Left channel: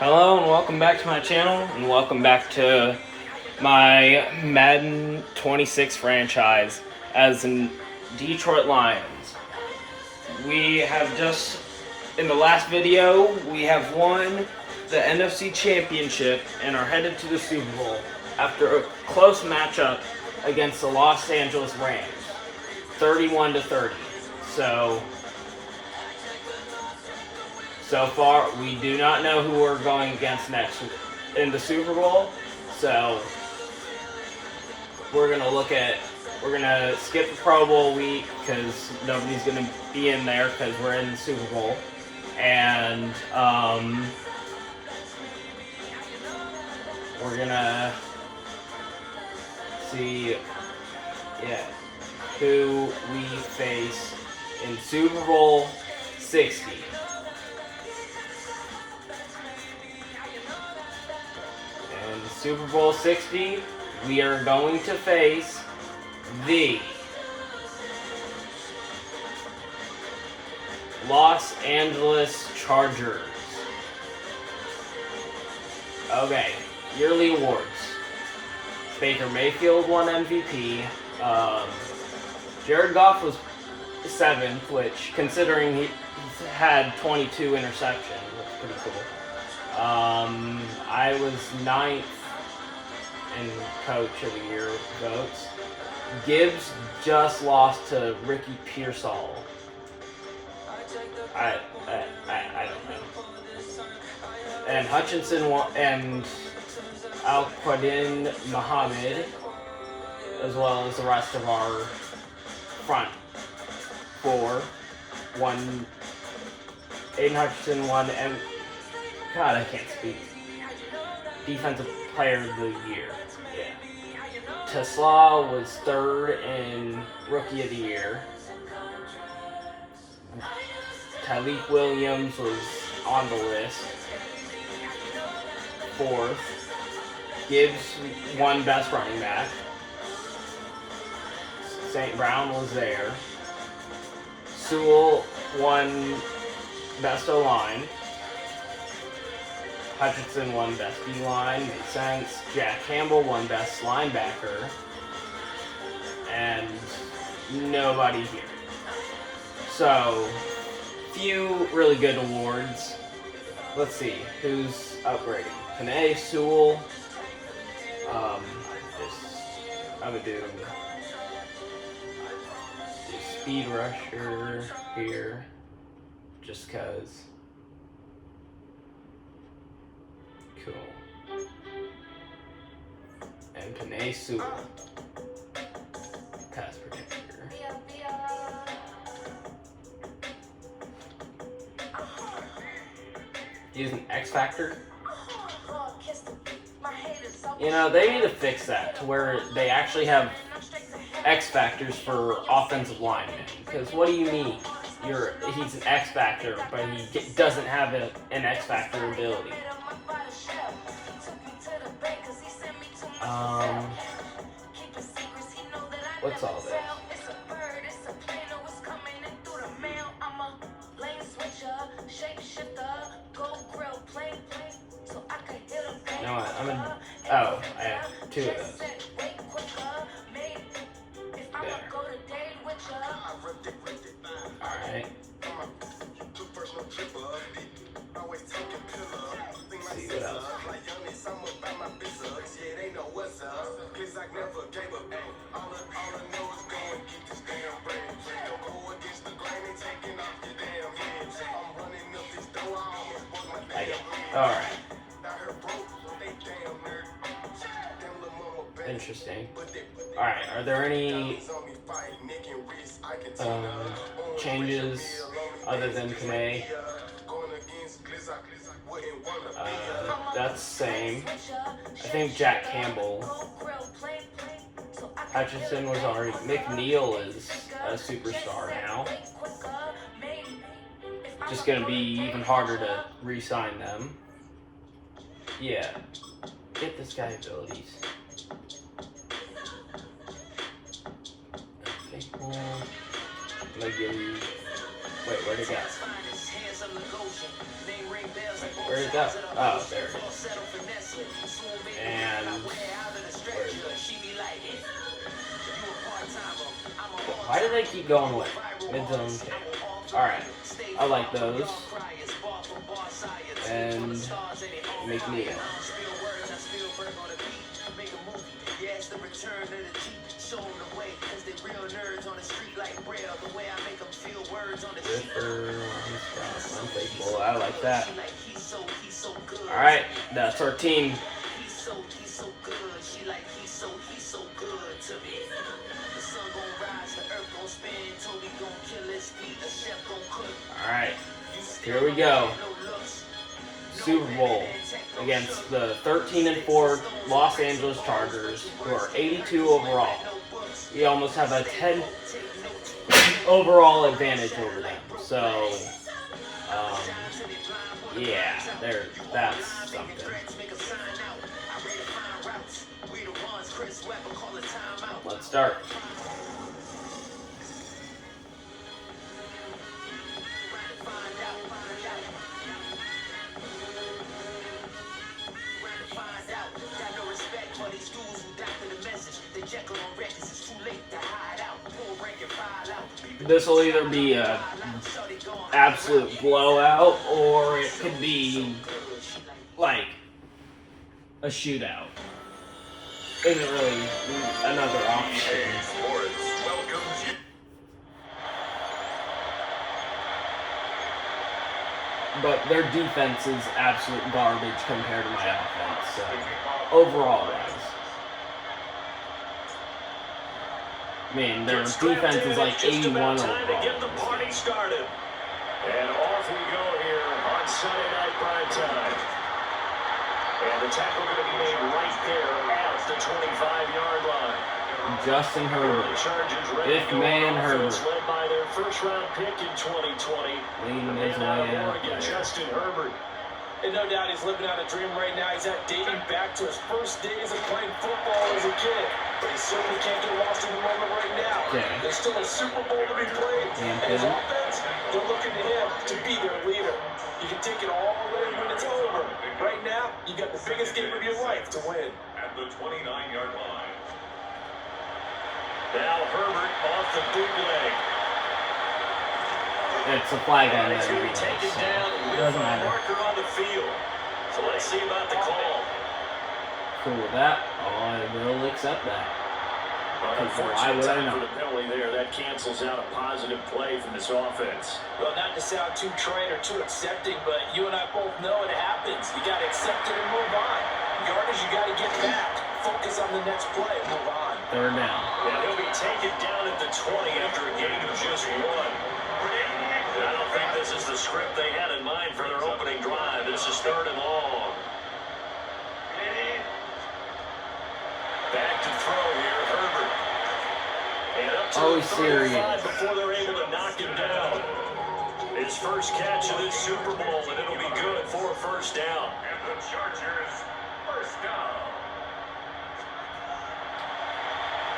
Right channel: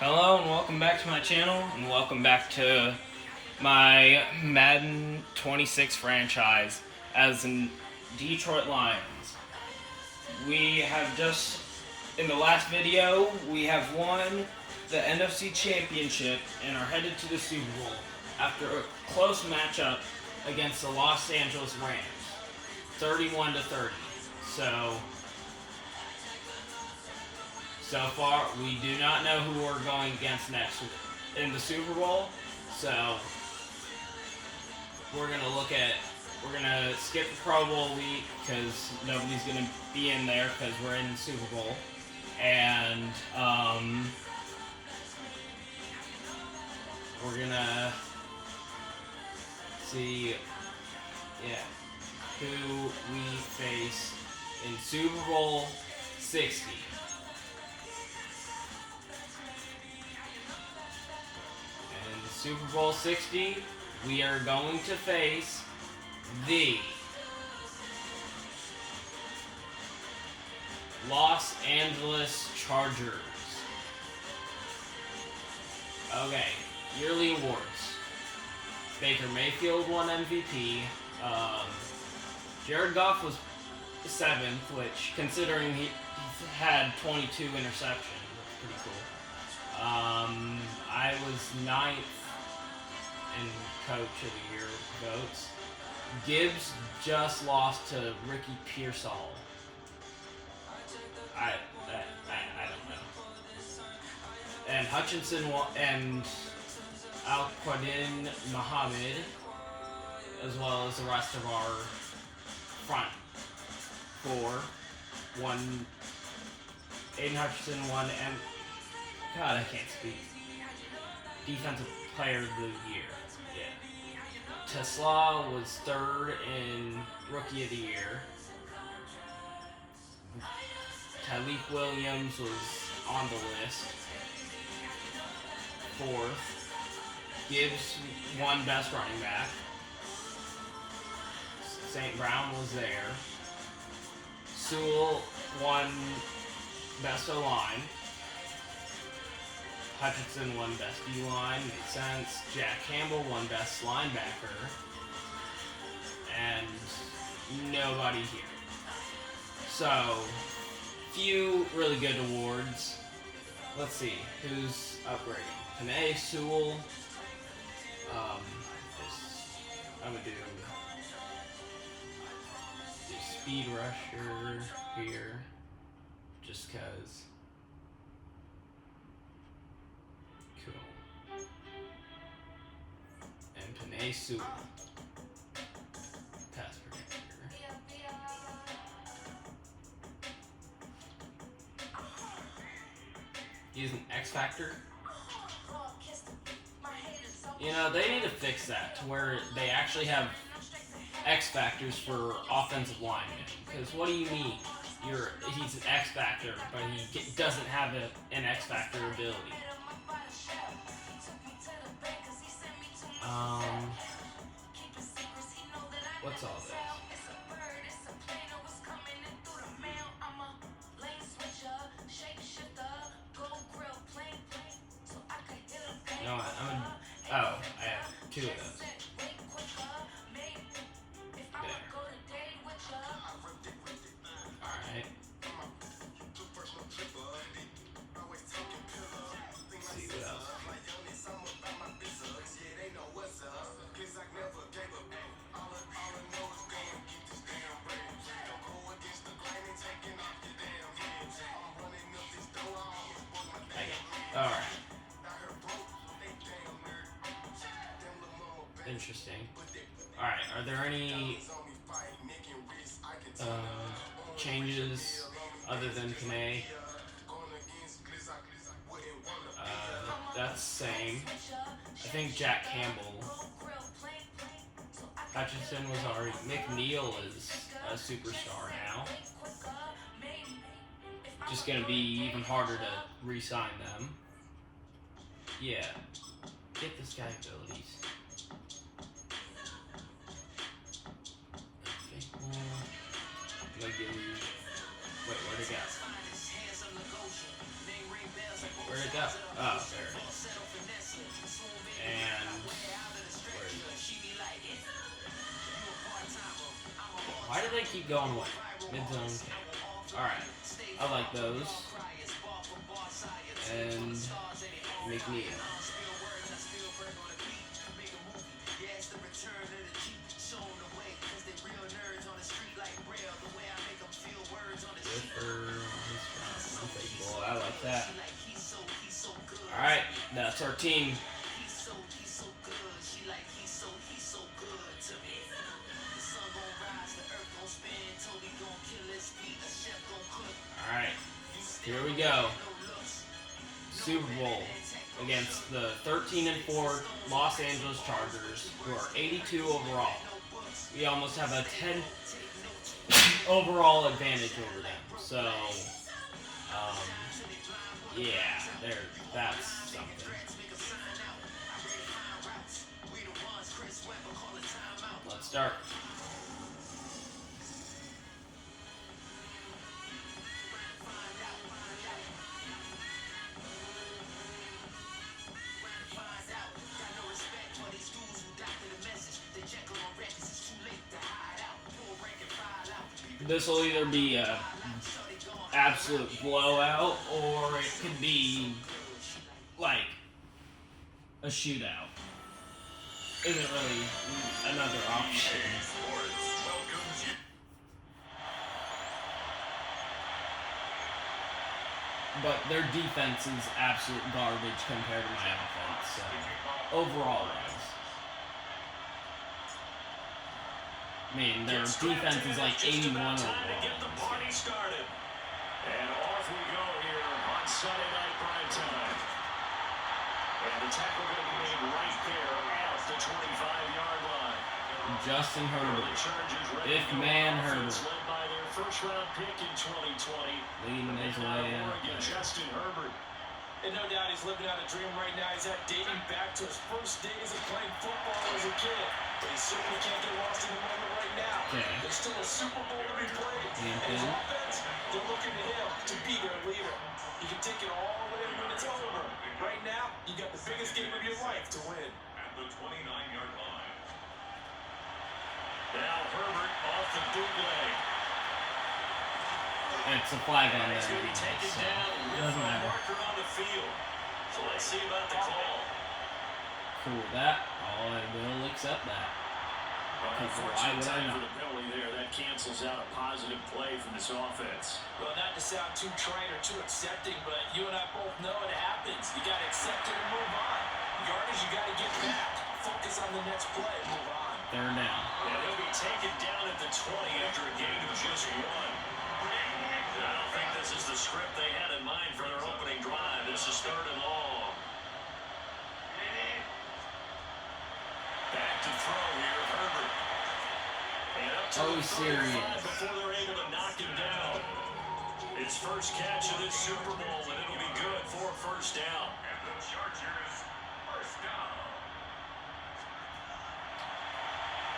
Hello and welcome back to my channel and welcome back to my Madden 26 franchise as in Detroit Lions. We have just, in the last video, we have won the NFC Championship and are headed to the Super Bowl after a close matchup against the Los Angeles Rams, 31-30. So far, we do not know who we're going against next in the Super Bowl. So we're gonna skip the Pro Bowl week because nobody's gonna be in there because we're in the Super Bowl, and we're gonna see who we face in Super Bowl 60. Super Bowl 60, we are going to face the Los Angeles Chargers. Okay, yearly awards. Baker Mayfield won MVP. Jared Goff was 7th, which, considering he had 22 interceptions, that's pretty cool. I was 9th in Coach of the Year votes. Gibbs just lost to Ricky Pearsall. I don't know. And Hutchinson and Al-Quadin Muhammad, as well as the rest of our front four, won. Aiden Hutchinson won, and God, I can't speak. Defensive Player of the Year. Yeah. Tesla was 3rd in Rookie of the Year. Tyleek Williams was on the list. 4th. Gibbs won Best Running Back. St. Brown was there. Sewell won Best O-Line. Hutchinson won Best D-Line, makes sense. Jack Campbell won Best Linebacker. And nobody here. So, few really good awards. Let's see, who's upgrading? Panay, Sewell. I'm gonna do Speed Rusher here, just cause. Cool. And Panay Sewell. Pass protector. Using X Factor. You know, they need to fix that to where they actually have X Factors for offensive linemen. Because what do you mean? He's an X Factor, but he doesn't have an X Factor ability. What's all this? No, I have 2 of those. There. Alright. See what else. Alright. Interesting. Alright, are there any changes other than Panay? That's the same. I think Jack Campbell. Hutchinson was already. McNeil is a superstar now. Just gonna be even harder to re-sign them. Yeah. Get this guy abilities. I'm gonna give you. Wait, where'd it go? Where'd it go? Oh, there it is. And where is it? Why did they keep going with mid-zone tail? Alright, I like those. And make me in. Unfaithful, I like that. Alright, that's our team. Alright, here we go. Super Bowl against the 13-4 Los Angeles Chargers, who are 82 overall. We almost have a 10 overall advantage over them. So, yeah, that's something. Let's start. This will either be a absolute blowout, or it could be like a shootout. Isn't really another option. But their defense is absolute garbage compared to my offense. So overall, guys. I mean, their defense is like 81 overall. To get the party started. And off we go here on Sunday Night Prime Time. And the tackle going to be made right there at the 25-yard line. Justin Herbert. If man Herbert. Led by their first-round pick in 2020. Leading his way out there. Justin Herbert. And no doubt he's living out a dream right now. He's dating back to his first days of playing football as a kid. But he certainly can't get lost in the moment right now. Okay. There's still a Super Bowl to be played. And his offense, they're looking to him to be their leader. You can take it all away when it's over. Right now, you got the biggest game of your life to win. At the 29-yard line. Now Herbert off the bootleg. It's a flag on there. Taken down with Doesn't a matter. marker on the field. So let's see about the call. Cool with that. I will accept that. Why would I For not? the penalty there, that cancels out a positive play from this offense. Well, not to sound too trite or too accepting, but you and I both know it happens. You got to accept it and move on. Yardage, you got to get back. Focus on the next play and move on. Third down. And he'll be taken down at the 20 after a gain of just one. I don't think this is the script they had in mind for their opening drive. This is third and long. Back to throw here, Herbert. And up to the 35 before they're able to knock him down. His first catch of this Super Bowl, and it'll be good for a first down. And the Chargers, first down.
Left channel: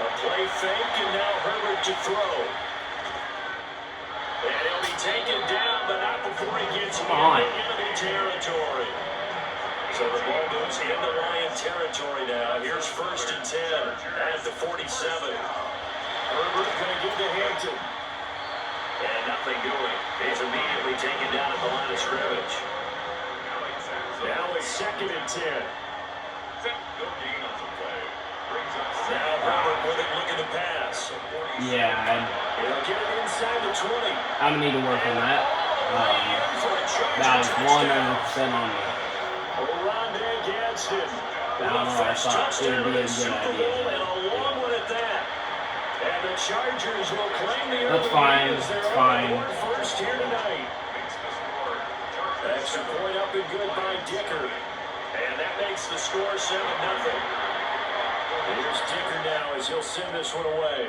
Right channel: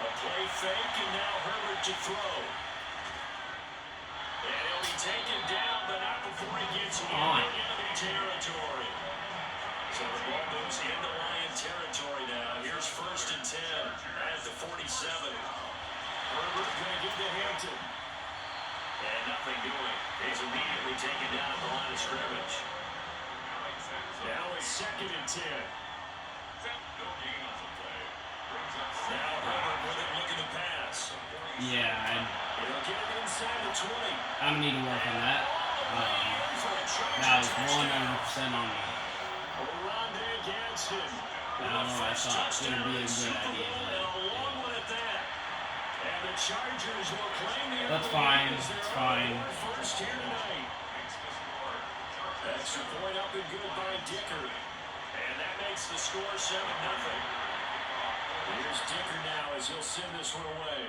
A play fake, and now Herbert to throw. And he'll be taken down, but not before he gets into enemy territory. So the ball moves into Lion territory now. Here's first and 10 at the 47. Herbert going to give to Hampton. And nothing doing. He's immediately taken down at the line of scrimmage. Now it's second and 10. Now Herbert with it looking to pass. Yeah, He'll get it inside the 20. I'm going to need to work on that. That was 100% on me. I don't know, I thought it would be a good idea. That's fine, it's fine. First here tonight. Extra point up and good by Dicker. And that makes the score 7-0. Here's Dicker now as he'll send this one away.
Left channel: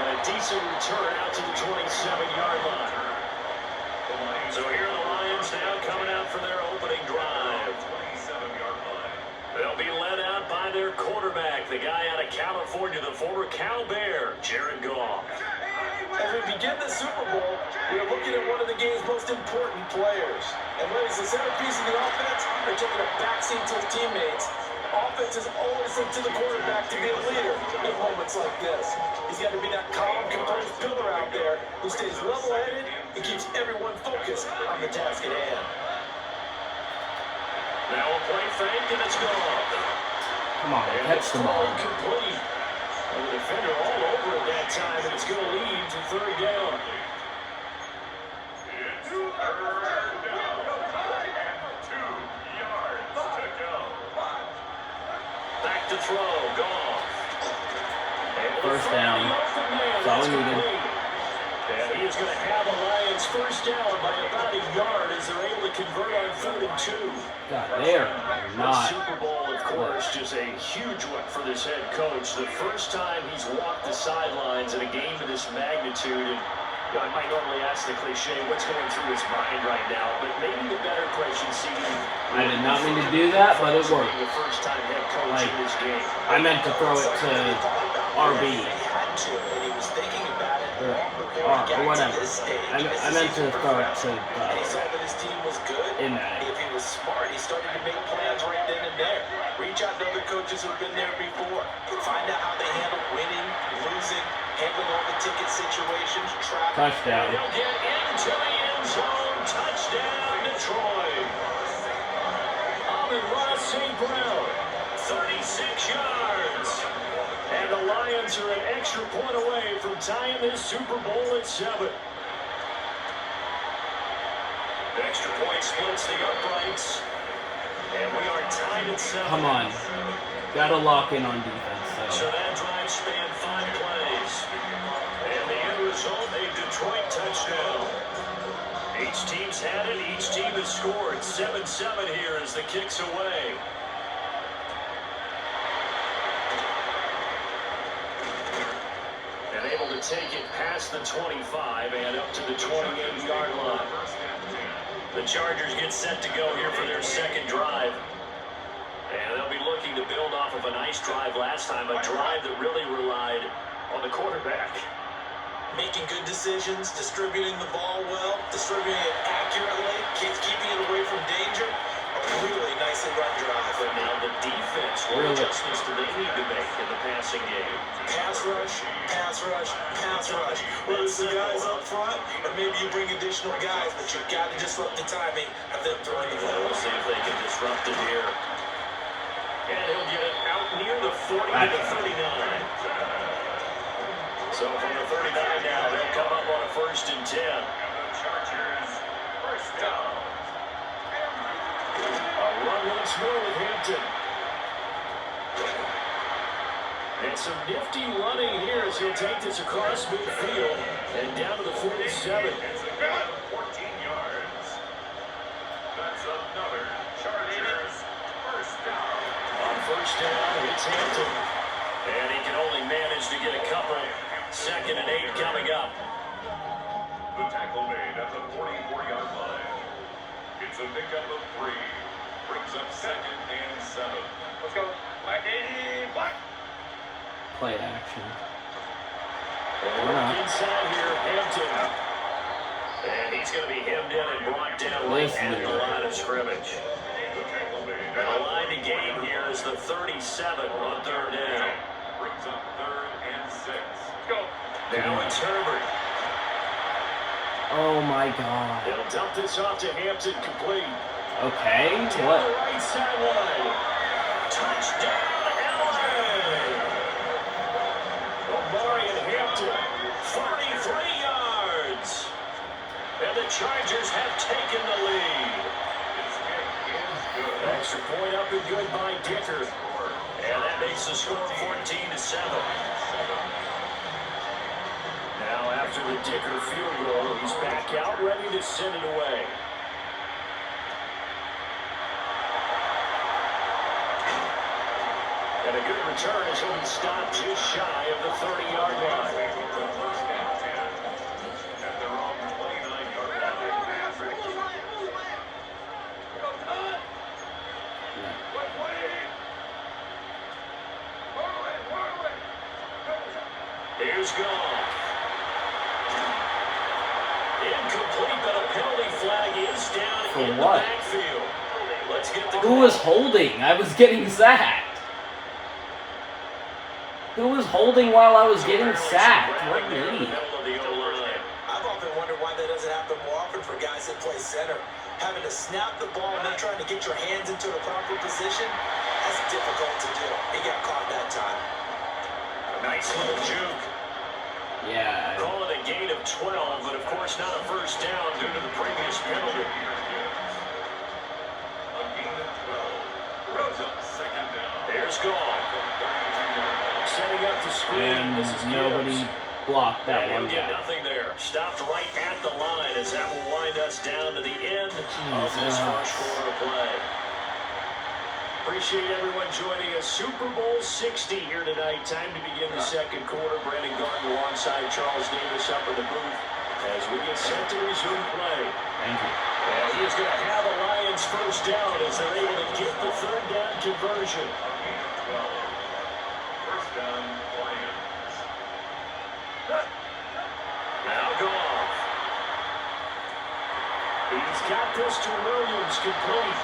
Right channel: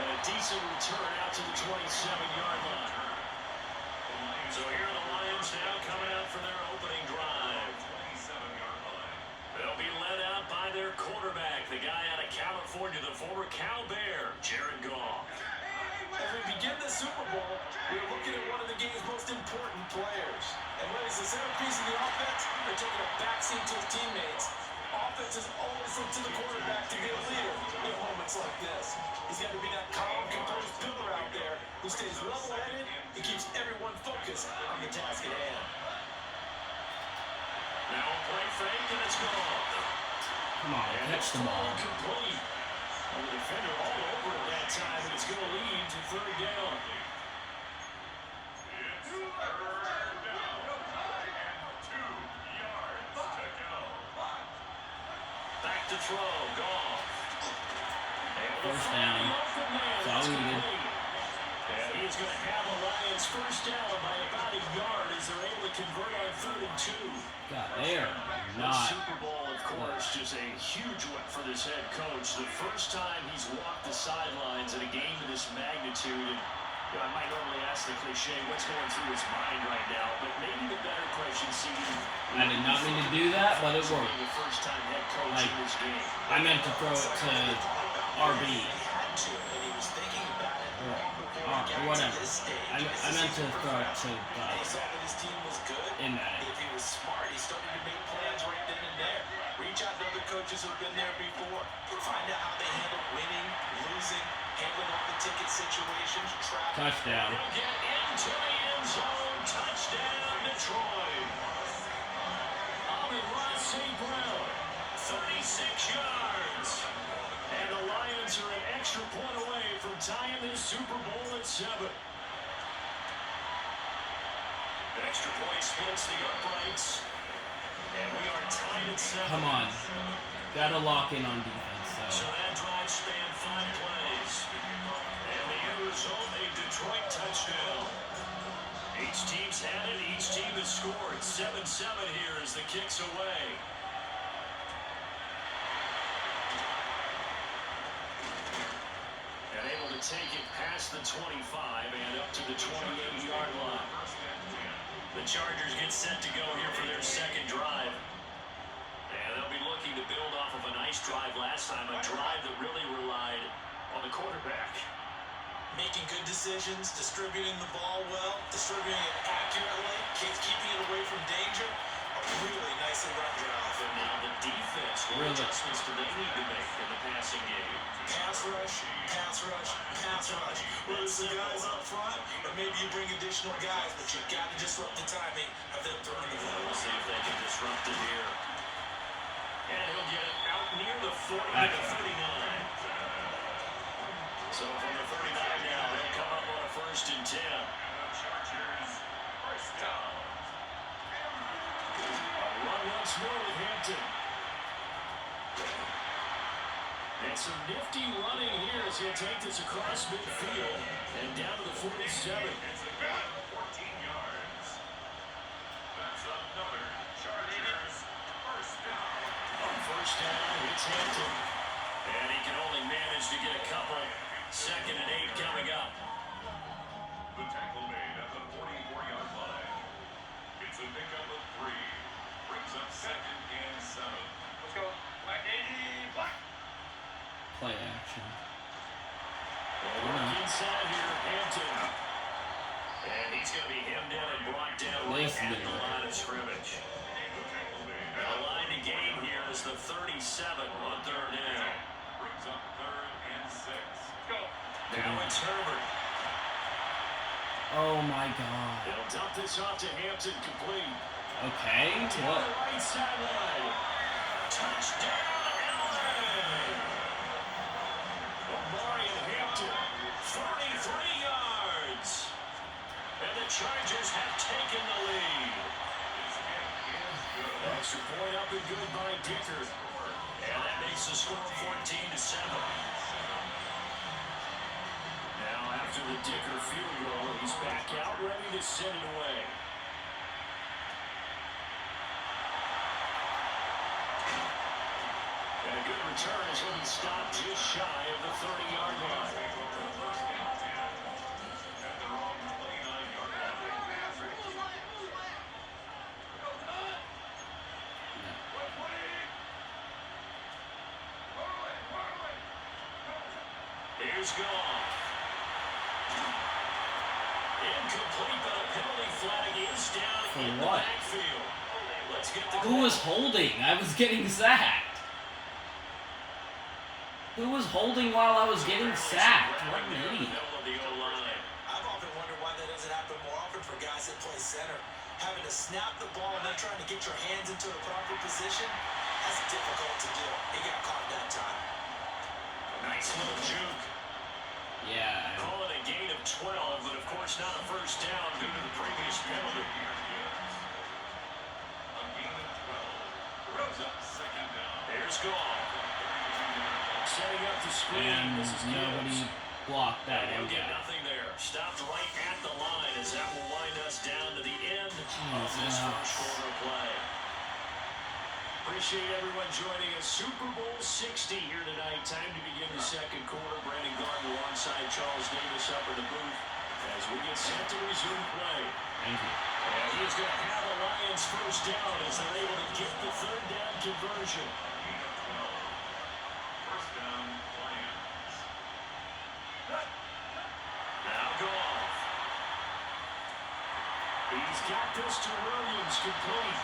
And a decent return out to the 27-yard line. So here are the Lions now coming out for their opening drive. They'll be led out by their quarterback, the guy out of California, the former Cal Bear, Jared Goff. As we begin the Super Bowl, we're looking at one of the game's most important players. And when he's the centerpiece of the offense, they're taking a backseat to his teammates. Offense is always looked to the quarterback to be a leader in moments like this. He's got to be that calm, composed pillar out there who stays level-headed and keeps everyone focused on the task at hand. Now a play fake, and it's gone. Come on, And catch it's the ball. complete. And the defender all over at that time, and it's going to lead to third down. Back to throw, Goff. First down. That's all we needed. And he is going to have a Lions first down by about a yard as they're able to convert on 3rd and 2. God, there. The Not. Super Bowl, of course, just a huge one for this head coach. The first time he's walked the sidelines in a game of this magnitude. And you know, I might normally ask the cliche, what's going through his mind right now? But maybe the better question, see, I did not mean to do that, but it worked. the first time head coach Like, in this game. I meant to throw it to RB. Or whatever. I meant to throw it to in that. If he was smart, he started to make plans right then and there. Reach out to other coaches who've been there before. Find out how they handle winning, losing, handling all the ticket situations, traffic. Touchdown. He'll get into the end zone. Touchdown, Detroit. Amon-Ra St. Brown, 36 yards. And the Lions are an extra point away from tying this Super Bowl at 7. The extra point splits the uprights. And we are tied at 7. Come on. Gotta lock in on defense. So So. that drive spanned 5 plays. And the end result, a Detroit touchdown. Each team's had it. Each team has scored. 7-7 here as the kick's away. And able to take it past the 25 and up to the 28-yard line. The Chargers get set to go here for their second drive. And they'll be looking to build off of a nice drive last time, a drive that really relied on the quarterback. Making good decisions, distributing the ball well, distributing it accurately, keeping it away from danger. A really nicely run drive. But now the defense, what adjustments do they need to make in the passing game? Pass rush, pass rush, pass rush. Whether it's the guys up front, or maybe you bring additional guys, but you've got to disrupt the timing of them throwing the ball. We'll see if they can disrupt it here. And he'll get it out near the 40 to the 39. So from the 39 now, they'll come up on a 1st and 10. Chargers, first down. A run once more with Hampton. And some nifty running here as he'll take this across midfield and down to the 47. It's about 14 yards. That's another Chargers first down. On 1st down, it's Hampton. And he can only manage to get a couple. 2nd and 8 coming up. The tackle made at the 44-yard line. It's a pickup of 3. Brings up 2nd and 7. Let's go. Black 80. Black. Play action. Inside here, Hampton. And he's going to be hemmed in and brought down right at the line of scrimmage. And the line to gain here is the 37 on 3rd down. Brings up 3rd and 6. Go. Now it's Herbert. Oh my God. They'll dump this off to Hampton, complete. Okay. Down What? the right sideline. Touchdown, LA. Omari and Hampton, 43 yards. And the Chargers have taken the lead. Extra point up and good by Dicker. And that makes the score 14-7. Now after the Dicker field goal, he's back out ready to send it away. And a good return as he'll be stopped just shy of the 30-yard line. At the wrong 29-yard line. is gone. Incomplete, but a penalty flag is down For in what? the backfield. Let's get the Who call. was holding? I was getting sacked. Who was holding while I was getting sacked? What an idiot. I've often wondered why that doesn't happen more often for guys that play center. Having to snap the ball and then trying to get your hands into the proper position, that's difficult to do. He got caught that time. A nice little juke. Yeah. Calling a gain of 12, but of course not a first down due to the previous penalty. Here's gone. Setting up the screen. And This is nobody Gibbs. blocked that He'll one get guy. nothing there. Stopped right at the line as that will wind us down to the end of this first quarter play. Appreciate everyone joining us. Super Bowl 60 here tonight. Time to begin the second quarter. Brandon Gardner alongside Charles Davis up in the booth as we get set to resume play. Thank you. And he is going to have a Lions first down as they're able to get the third down conversion. First down, Lions. Now gone. He's got this to Williams complete.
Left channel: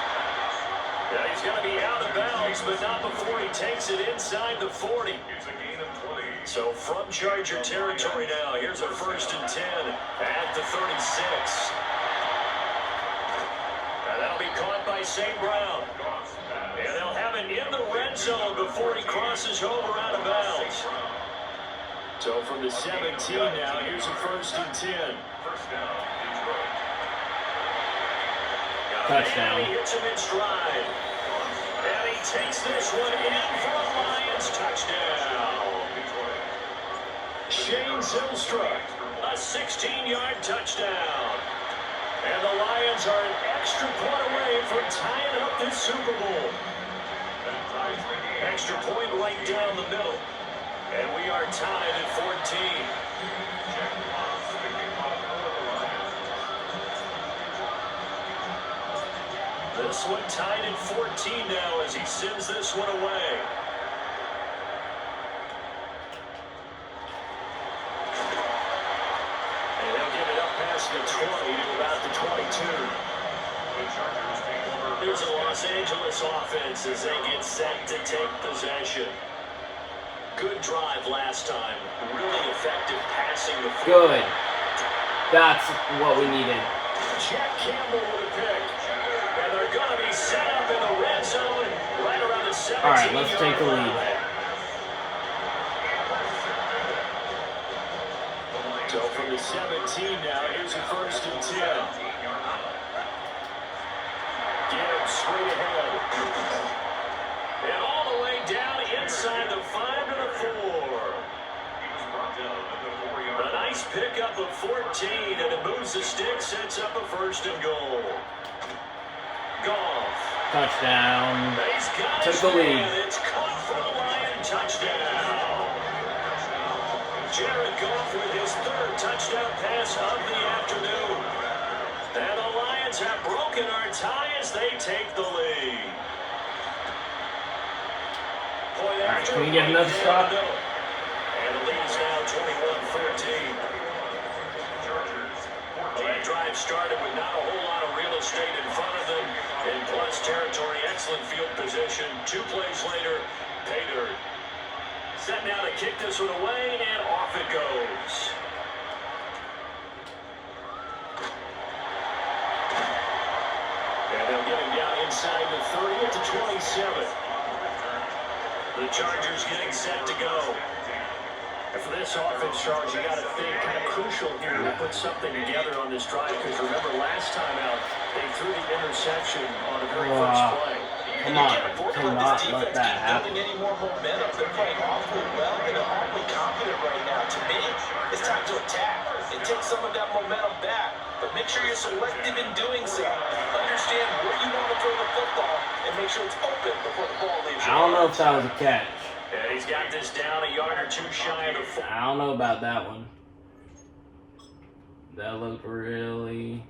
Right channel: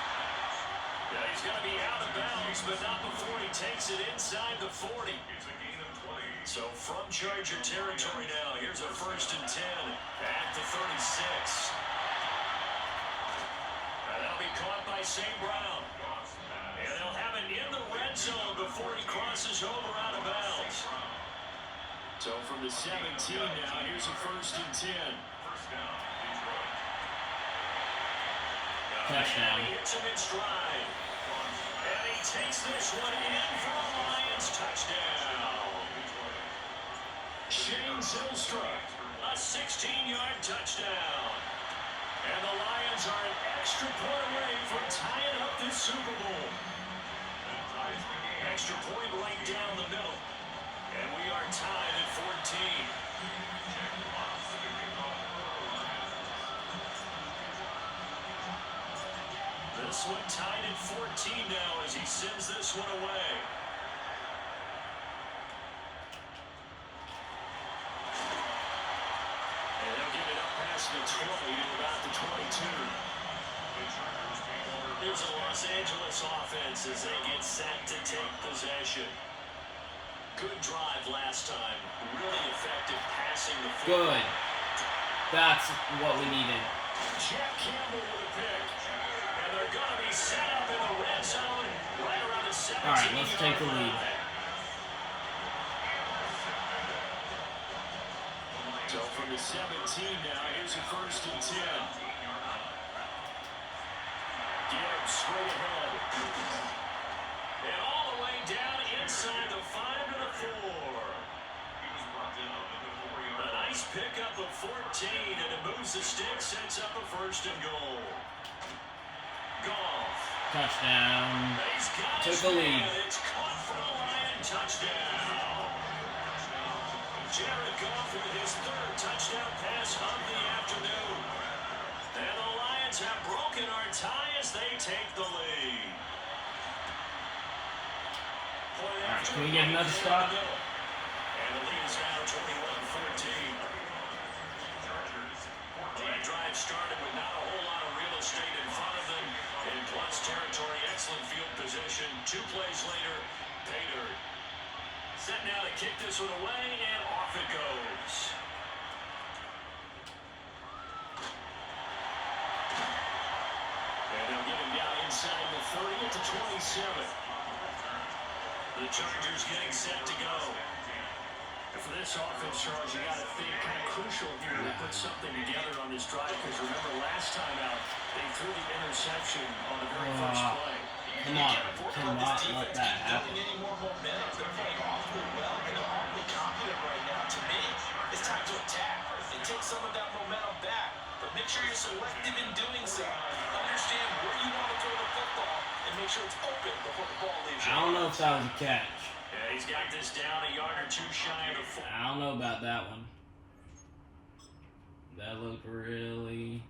Yeah, he's going to be out of bounds, but not before he takes it inside the 40. It's a gain of 20. So from Charger territory now, here's a 1st and 10 at the 36. And that'll be caught by St. Brown. And they'll have it in the red zone before he crosses over out of bounds. So from the 17 now, here's a 1st and 10. First down, Detroit. Touchdown. And he hits him in stride. And he takes this one in for a Lions touchdown. Shane Zylstra, a 16-yard touchdown. And the Lions are an extra point away from tying up this Super Bowl. Extra point right down the middle. And we are tied at 14. This one tied at 14 now as he sends this one away. And they'll get it up past the 20 to about the 22. Here's a Los Angeles offense as they get set to take possession. Good drive last time. Really effective passing the football. Good. That's what we needed. Jack Campbell with a pick. And they're going to be set up in the red zone right around the 17-yard line. All right, let's take the lead. So from the 17 now, here's a 1st and 10. Gibbs straight ahead. And all the way down inside the 5 and the 4. A nice pickup of 14, and it moves the stick, sets up a 1st and goal. Goff. Touchdown. He's got Took his the lead. man. It's caught for a Lion touchdown. Jared Goff with his 3rd touchdown pass of the afternoon. And the Lions have broken our tie as they take the lead. Point after, can we get another shot? And the lead is now 21-14. Well, that drive started with not a whole lot of real estate in front of them. In plus territory, excellent field position. 2 plays later, pay dirt. Set now to kick this one away, and off it goes. And they'll get him down inside the 30 at the 27. The Chargers getting set to go. And for this offense, Charles, you got to think kind of crucial here to put something together on this drive, because remember last time out, they threw the interception on the very first play. Come on, cannot let that happen. Any more momentum. They're playing awfully well, and they're awfully confident right now. To me, it's time to attack and take some of that momentum back. But make sure you're selective in doing so. Understand where you want to throw the football and make sure it's open before the ball leaves I your don't know hands. if that was a catch. And he's got this down a yard or 2 shy of the 4. I don't know about that one. That looked really...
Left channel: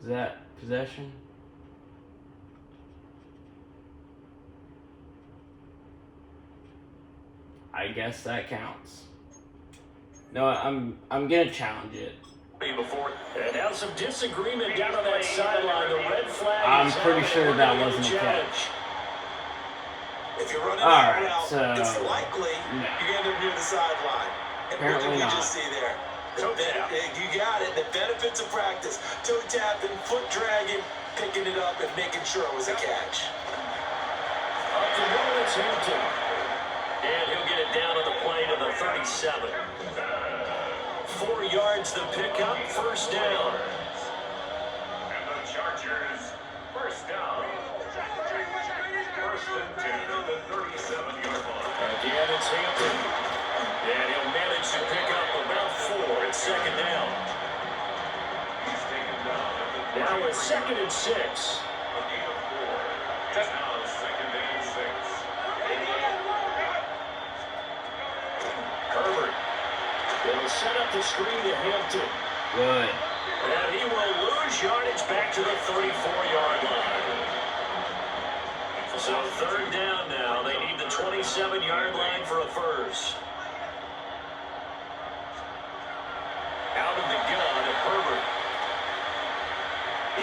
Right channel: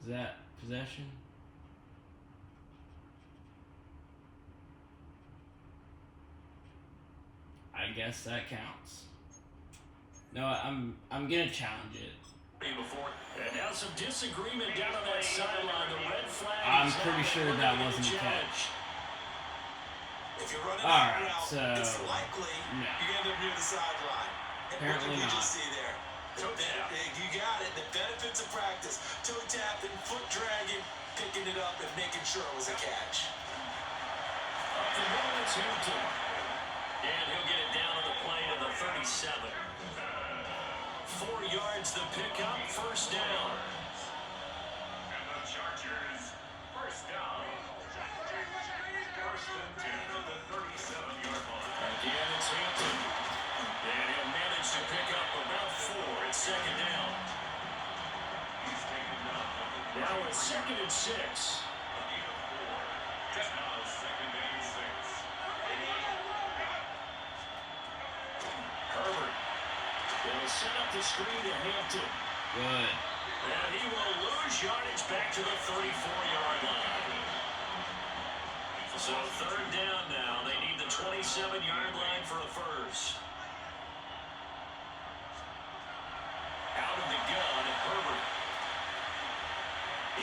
Is that possession? I guess that counts. No, I'm gonna challenge it. Before. And now some disagreement down on that sideline. The red flag. I'm pretty sure that wasn't a catch. If you're running Alright, that route, so it's likely you end up near the sideline. And what apparently did we not. just see there? You got it. The benefits of practice. Toe tapping, foot dragging, picking it up, and making sure it was a catch. Up the middle, it's Hampton. And he'll get it down on the play to the 37. 4 yards to pick up, first down. And the Chargers, first down. First and 10 at the 37-yard line. Again, it's Hampton. And he'll manage to pick up about 4 at second down. He's taken down at the Now it's 2nd and 6. A gain of 4. Now 2nd and 6. Herbert. They'll set up the screen to Hampton. Good. And he will lose yardage back to the 34-yard line. So 3rd down now. They need the 27-yard line for a first. Out of the gun at Herbert.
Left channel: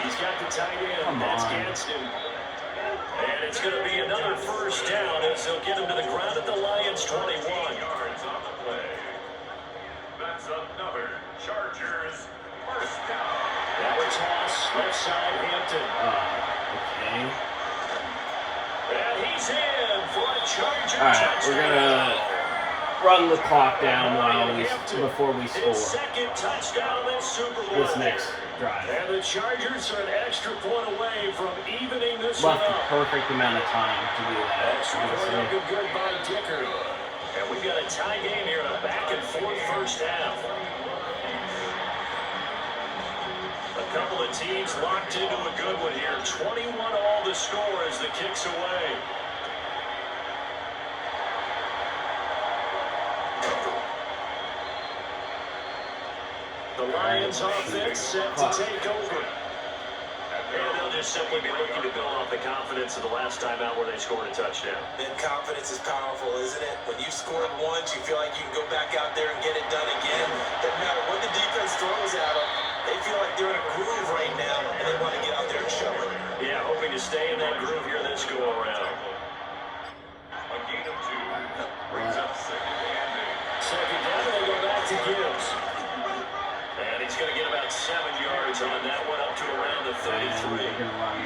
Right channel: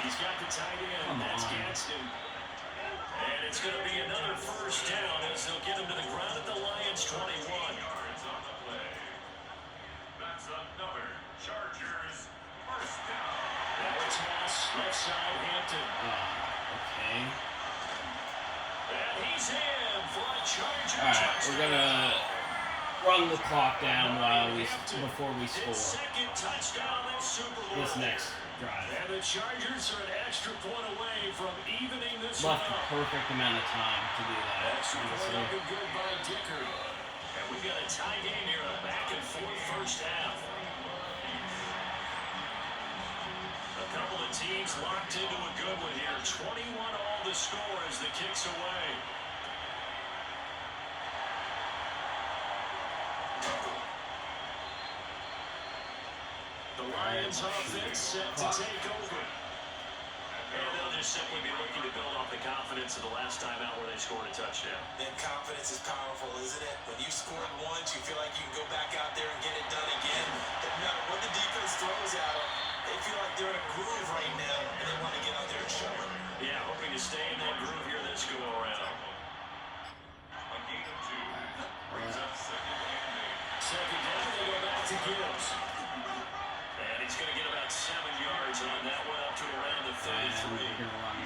He's got the tight end. That's Gadsden. And it's going to be another first down as they'll get him to the ground at the Lions' 21. Yards on the play. That's another Chargers first down. Now it's Haas, left side, Hampton. Okay. And he's in for a Chargers. All right, we're gonna run the clock down before we His score 2nd touchdown in Super Bowl. this next drive. And the Chargers are an extra point away from evening this Left one the up. perfect amount of time to do that. Extra point up and good by Dicker. And we've got a tie game here, a back and forth first half. A couple of teams locked into a good one here. 21 all the score as the kick's away. The Lions offense set to take over. And they'll just simply be looking to build off the confidence of the last time out where they scored a touchdown. And confidence is powerful, isn't it? When you've scored once, you feel like you can go back out there and get it done again. Doesn't matter what the defense throws at them. They feel like they're in a groove right now, and they want to get out there and show it. Yeah, hoping to stay in that groove here this go around. A gain of 2 brings up 2nd and 8. Second down, they go back to Gibbs. And he's going to get about 7 yards on that one up to around the And 33. we're gonna run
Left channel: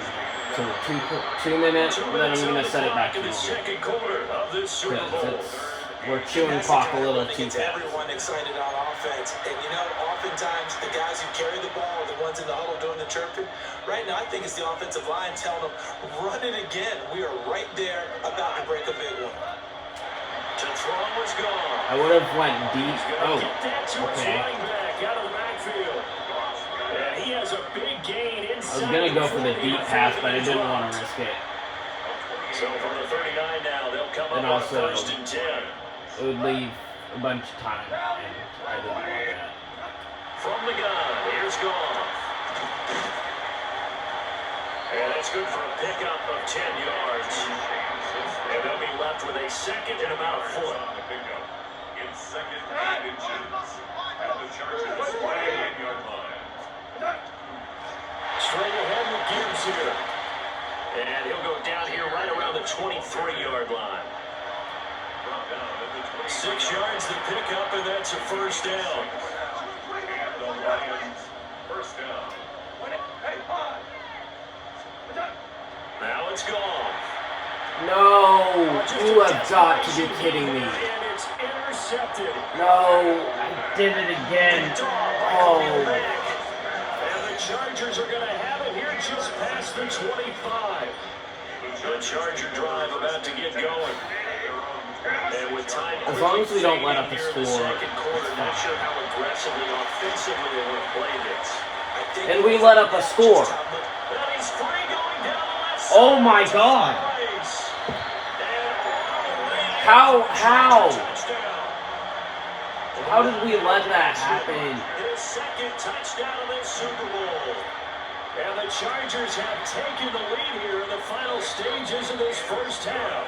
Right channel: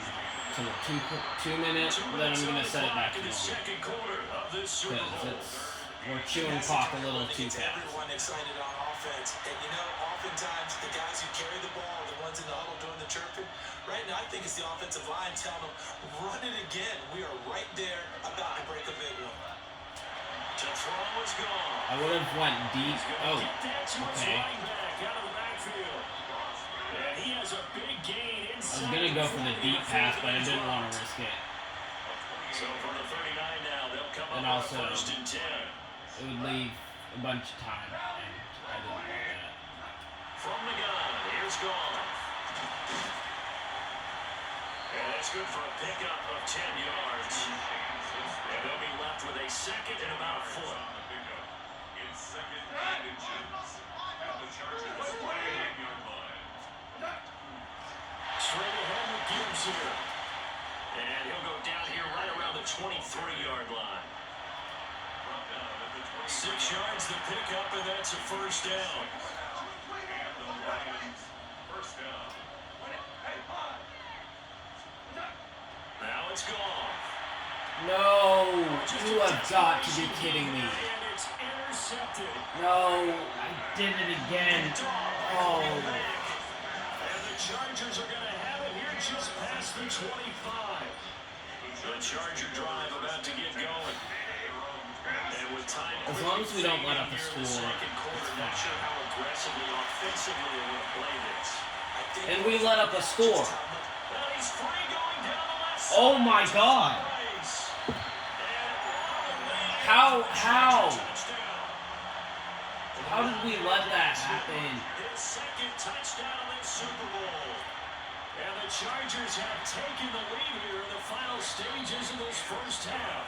to 2 minutes, and then I'm gonna set it back to in the the second quarter of this Super Bowl. we're chewing That's clock the a kind of little one that too gets fast. everyone excited on offense. And you know, oftentimes the guys who carry the ball are the ones in the huddle doing the chirping. Right now, I think it's the offensive line telling them, run it again. We are right there about to break a big one. To throw was gone. I would have went deep. He's going to Oh, get that to his okay. running back out of the backfield. And he has a big gain I was inside. gonna go for the 40 deep pass, but I he's didn't dropped. want to risk it. So from the 39 now, they'll come And up on also- 1st and 10. It would leave a bunch of time, and I didn't want that. From the gun, here's Goff. And it's good for a pickup of 10 yards. And they'll be left with a 2nd and about a foot. On the pickup. In 2nd and inches. At the Chargers 28-yard line. Straight ahead with Gibbs here. And he'll go down here right around the 23-yard line. Brought down at the 6 yards to pick up, and that's a first down. And the Lions first down. Now it's gone. No, you have got to be kidding me. And it's intercepted. No, I did it again. Oh, And the Chargers are going to have it here just past the 25. The Charger drive about to get going. And with time as long as we don't let up a here in the score, second quarter, not sure how aggressively offensively they want to play this. and we let up a score. And he's free going down the left side. Oh my God! How? How did we let that happen? His 2nd touchdown in this Super Bowl. And the Chargers have taken the lead here in the final stages of this first half.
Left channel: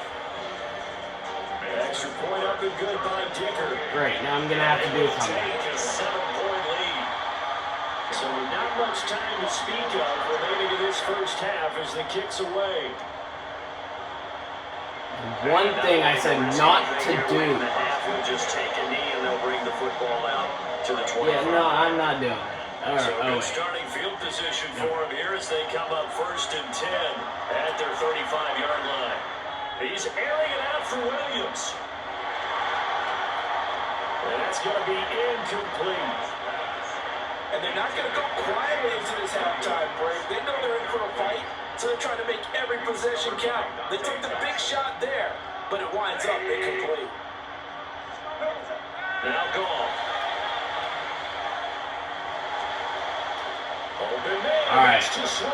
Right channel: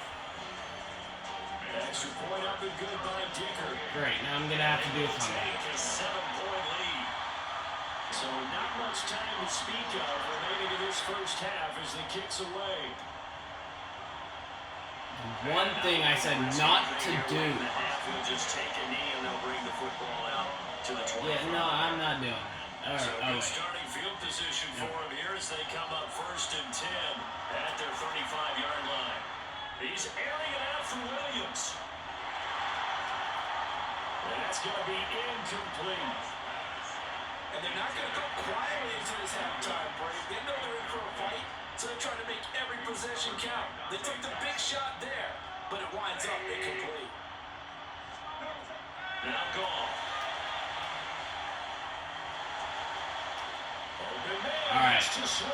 Extra point up and good by Dicker. Great, now I'm gonna have to do a comeback. Take a 7-point lead. So not much time to speak of remaining in this first half as the kick's away. One thing I said not to do. We'll just take a knee and they'll bring the football out to the 25. Yeah, no, I'm not doing that. All right, So oh, good wait. starting field position for him here as they come up 1st and 10 at their 35-yard line. He's airing it out for Williams. And that's going to be incomplete. And they're not going to go quietly into this halftime break. They know they're in for a fight, so they're trying to make every possession count. They took the big shot there, but it winds up incomplete. Now gone. All right,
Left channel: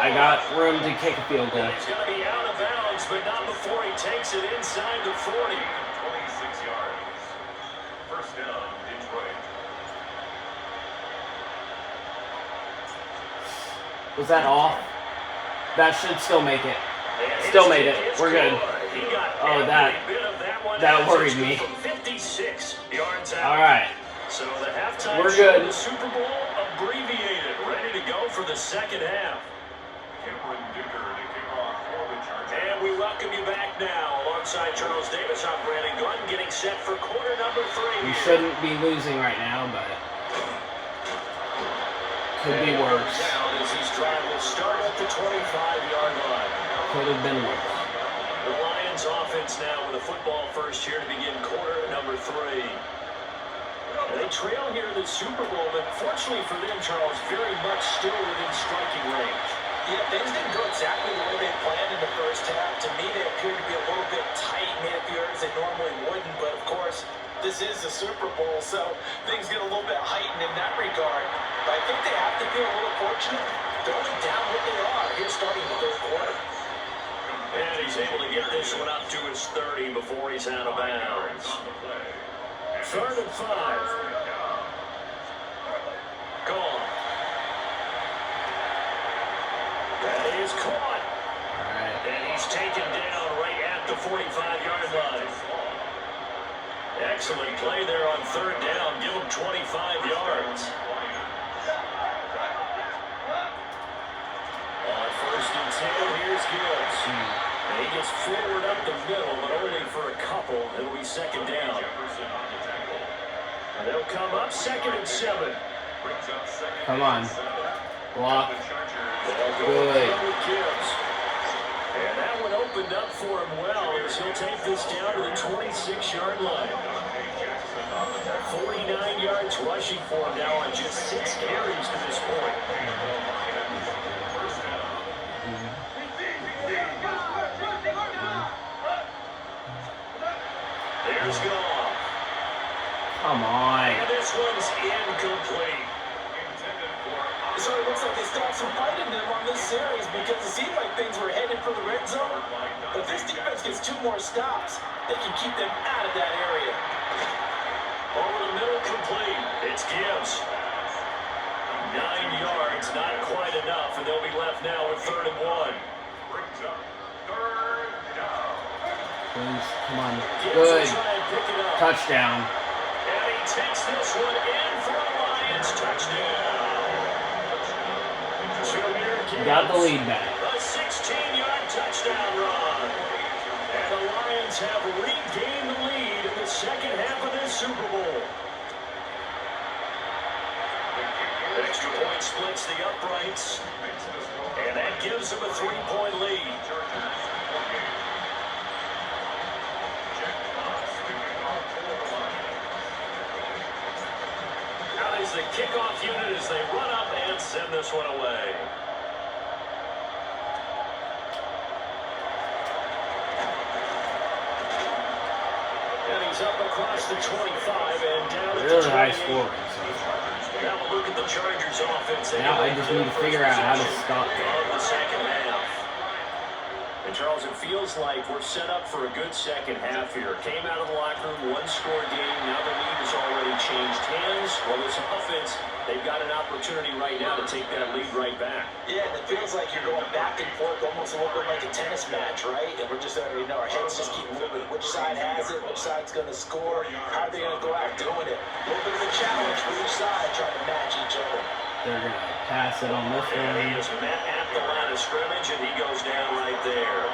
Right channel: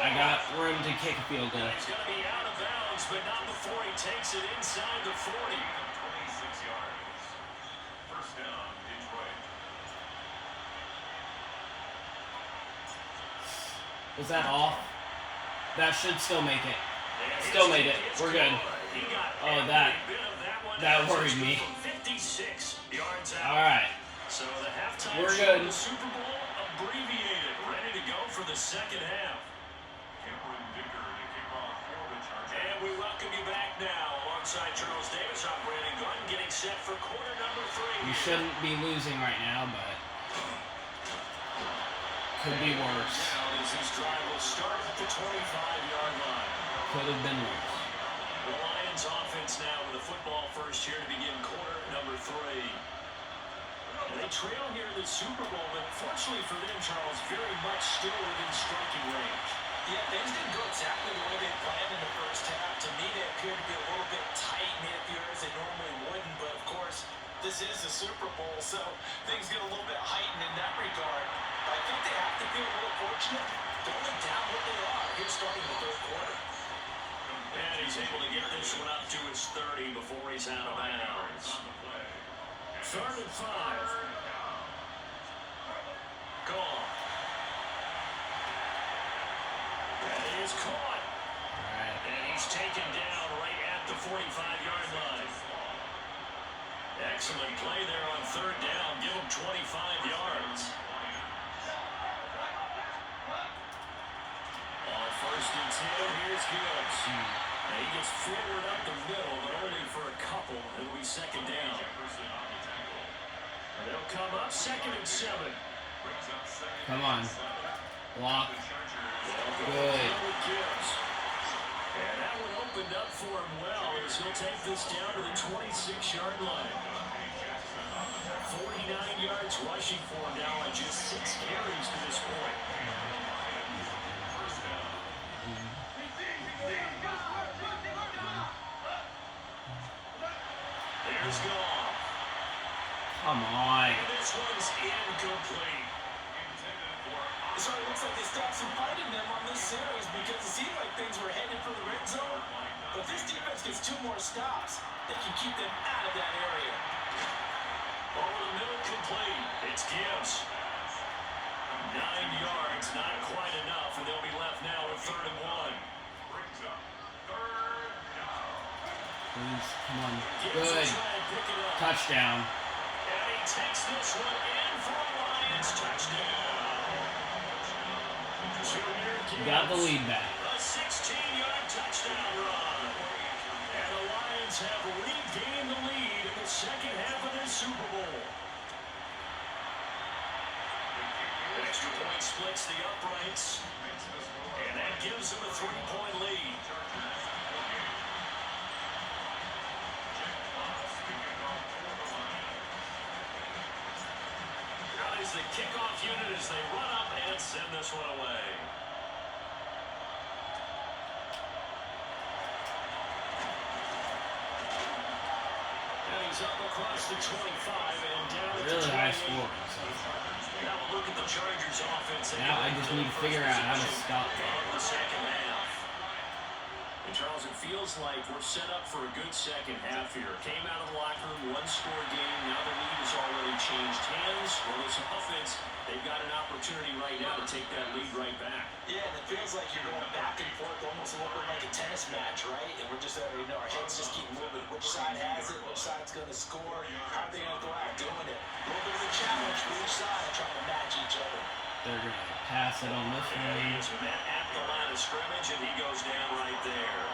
I got room to kick a field goal. He's going to be out of bounds, but not before he takes it inside the 40. 26 yards. First down, Detroit. Was that off? That should still make it. Still made it. We're good. Oh, that worried me. 56 yards out. All right. So the halftime We're show good. of the Super Bowl abbreviated, ready to go for the second half. Cameron Dicker to kick off for the Chargers. And we welcome you back now alongside Charles Davis. I'm Brandon Gunn getting set for quarter number 3. We shouldn't be losing right now, but could be worse. Down as his drive will start at the 25-yard line. Could have been worse. The Lions offense now with a football first here to begin quarter number 3. They trail here in the Super Bowl, but fortunately for them, Charles, very much still within striking range. Yeah, things didn't go exactly the way they planned in the first half. To me, they appeared to be a little bit tight in the areas they normally wouldn't, but of course, this is the Super Bowl, so things get a little bit heightened in that regard. But I think they have to feel a little fortunate. They're only down what they are here starting the third quarter. And he's able to get this one up to his 30 before he's out of bounds. 3rd and 5. Gone. That is caught. And he's taken down right at the 45-yard line. Excellent play there on 3rd down. Give him 25 yards. On 1st and 10, here's Gibbs. And he gets forward up the middle, but only for a couple. It'll be 2nd down. They'll come up 2nd and 7. Come on. Block. They'll go Good. with Gibbs. And that one opened up for him well as he'll take this down to the 26-yard line. 49 yards rushing for him now on just 6 carries to this point. There's Goff. Come on. And this one's incomplete. So it looks like they stopped some fight in them on this series because it seemed like things were headed for the red zone. But if this defense gets 2 more stops, they can keep them out of that area. Over the middle, complete. It's Gibbs. 9 yards, not quite enough, and they'll be left now with 3rd and 1. Brings up 3rd down. Please, come on. Gibbs Good. will try and pick it up. Touchdown. And he takes this one in for a Lions touchdown. Got the lead back. A 16-yard touchdown run. And the Lions have regained the lead in the second half of this Super Bowl. Extra point splits the uprights. And that gives them a 3-point lead. Now is the kickoff unit as they run up and send this one away. And he's up across the 25 and down at the 28. Really high score. Now we'll look at the Chargers offense. Now I just need to figure out how to stop of the second half. And Charles, it feels like we're set up for a good second half here. Came out of the locker room, one-score game. Now the lead has already changed hands. Well, this offense, they've got an opportunity right now to take that lead right back. Yeah, and it feels like you're going back and forth, almost a little bit like a tennis match, right? And we're just already know our heads just keep moving. Which side has it? Which side's going to score? How are they going to go out doing it? A little bit of a challenge for each side, trying to match each other. They're going to pass it on this And he one. is met at the line of scrimmage, and he goes down right there.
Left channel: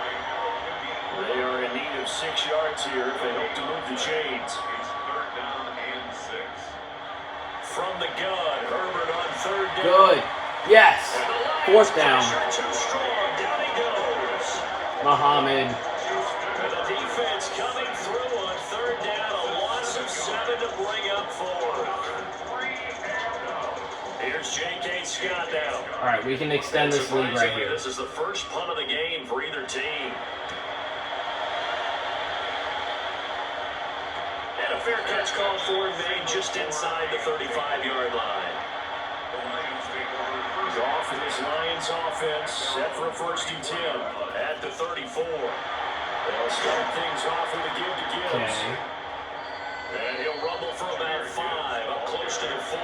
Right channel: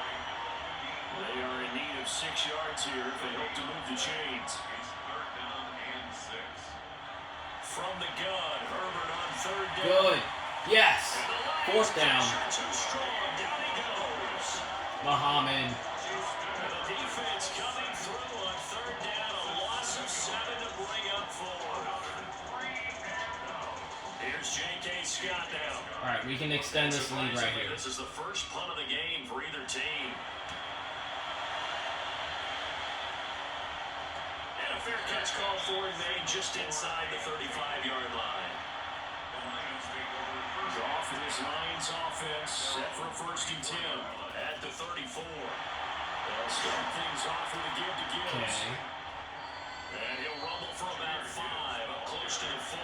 They are in need of 6 yards here if they hope to move the chains. It's third down and 6. From the gun, Herbert on third down. Good. Yes. And the Lions Fourth down. pressure too strong. Down he goes. Muhammad. And the defense coming through on third down. A loss of 7 to bring up 4. Here's J.K. Scott now. All right, we can extend this lead right here. This is the first punt of the game for either team. And a fair catch call for and made just inside the 35-yard line. Goff and his Lions offense set for a 1st and 10 at the 34. They'll start things off with a give to Gibbs. Okay. And he'll rumble for about 5, up close to the 40.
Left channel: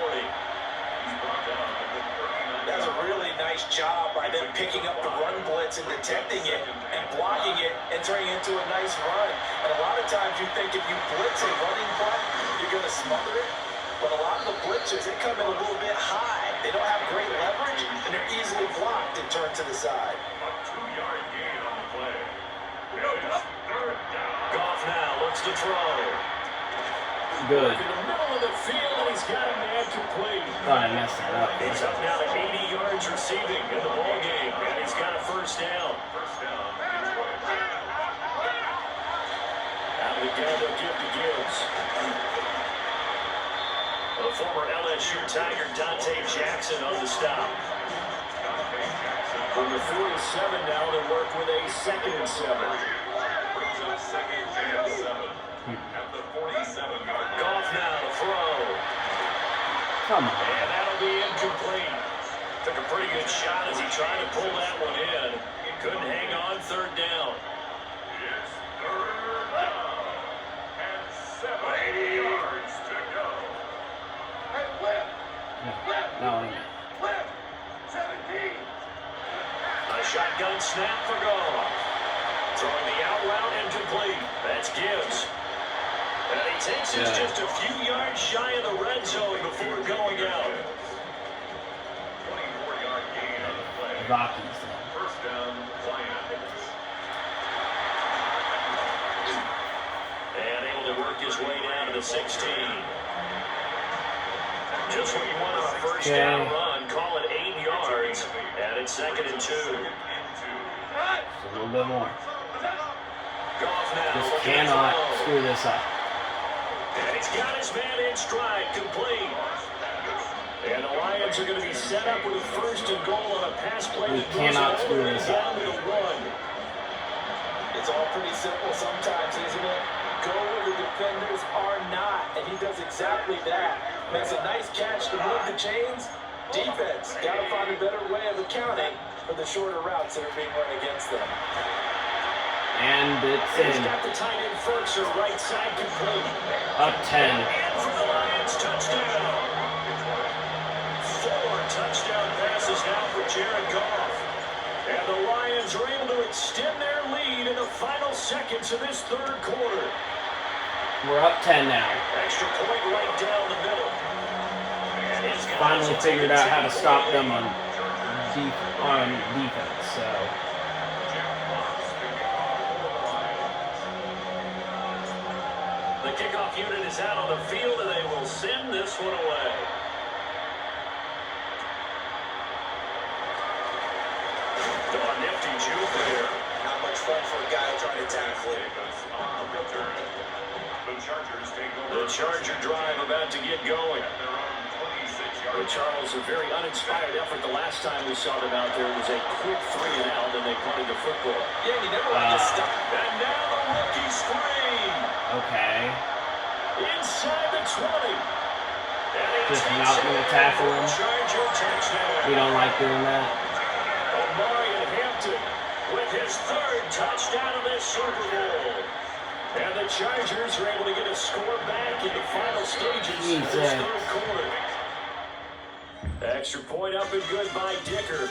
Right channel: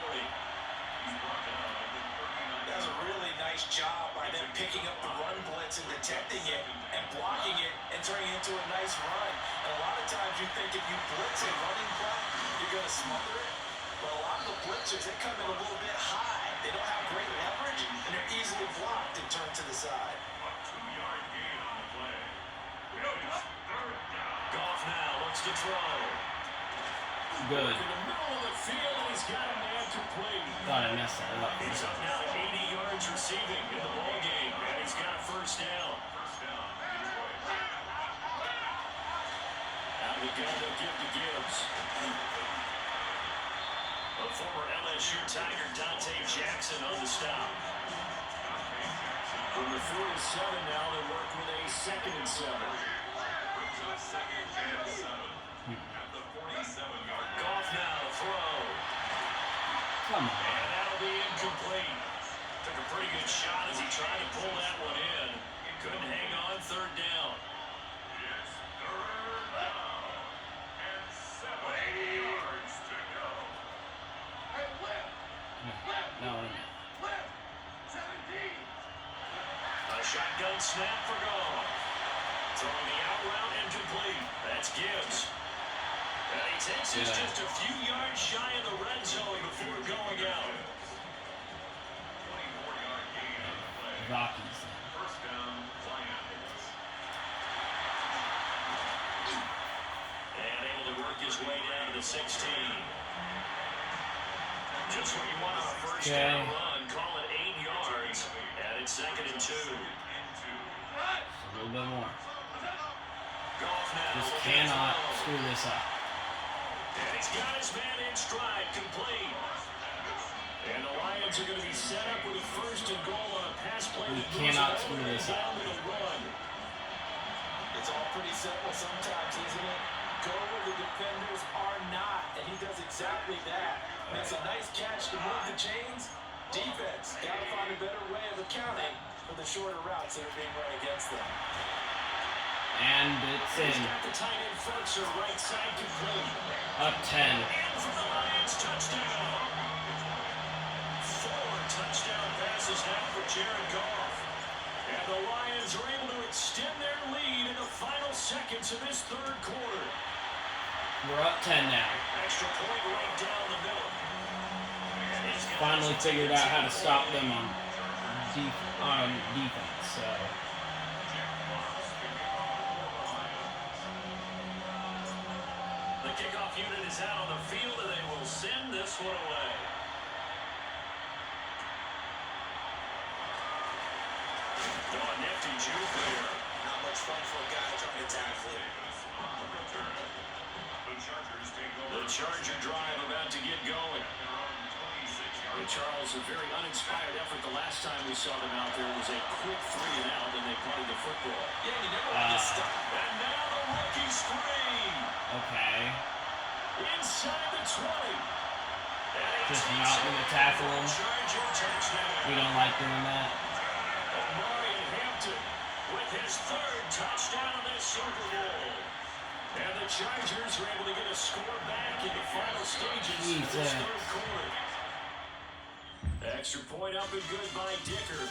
That's a really nice job by them picking up the run blitz and detecting it and blocking it and turning it into a nice run. And a lot of times you think if you blitz a running play, you're going to smother it. But a lot of the blitzers, they come in a little bit high. They don't have great leverage, and they're easily blocked and turned to the side. A 2-yard gain on the play. Third down. Goff now looks to throw. Good. In the middle of the field, and he's got a man complete. Thought I messed that up. He's up now to 80 yards receiving in the ball game, and he's got a 1st down. First down. Detroit. Out of the gun, they'll give to Gibbs. The former LSU Tiger Dante Jackson on the stop. From the 47 now, they work with a 2nd and 7. Brings up 2nd and 7 at the 47-yard line. Goff now to throw. Come on. And that'll be incomplete. Took a pretty good shot as he tried to pull that one in. Couldn't hang on 3rd down. It's third down and 70 yards to go. No. A shotgun snap for Goff. Throwing the out route incomplete. That's Gibbs. And he takes us just a few yards shy of the red zone before going out. 24-yard gain on the play. Rockies. First down, Lions. And able to work his way down to the 16. Just what you want on a 1st down run. Call it 8 yards. And it's 2nd and 2. A little bit more. Goff now. Just looking to cannot throw. screw this up. And he's got his man in stride, complete. And the Lions are going to be set up with a 1st and goal on a pass play. We that goes cannot all the screw way this down up. to the 1. It's all pretty simple sometimes, isn't it? Go where the defenders are not, and he does exactly that. Makes a nice catch to move the chains. Defense, got to find a better way of accounting for the shorter routes that are being run against them. And it's He's in. got the tight end Ferguson right side complete. Up 10. And for the Lions, touchdown. 4 touchdown passes now for Jared Goff. And the Lions are able to extend their lead in the final seconds of this 3rd quarter. We're up 10 now. Extra point right down the middle. And he's got Finally us figured out how to stop them on on defense. So the kickoff unit is out on the field, and they will send this one away. Oh, nifty juke there. Not much fun for a guy trying to tackle it. The Chargers take over. The Charger drive about to get going. At their own 26-yard line. Charles, a very uninspired effort. The last time we saw them out there was a quick 3 and out, and they punted the football. Yeah, you never want to get stuck. And now the rookie screen. okay. Inside the 20. And he Just takes not it gonna in tackle for a him. Charger touchdown. We don't like doing that. Omari and Hampton with his third touchdown of this Super Bowl. And the Chargers are able to get a score back in the final stages of this third quarter. Extra point up and good by Dicker.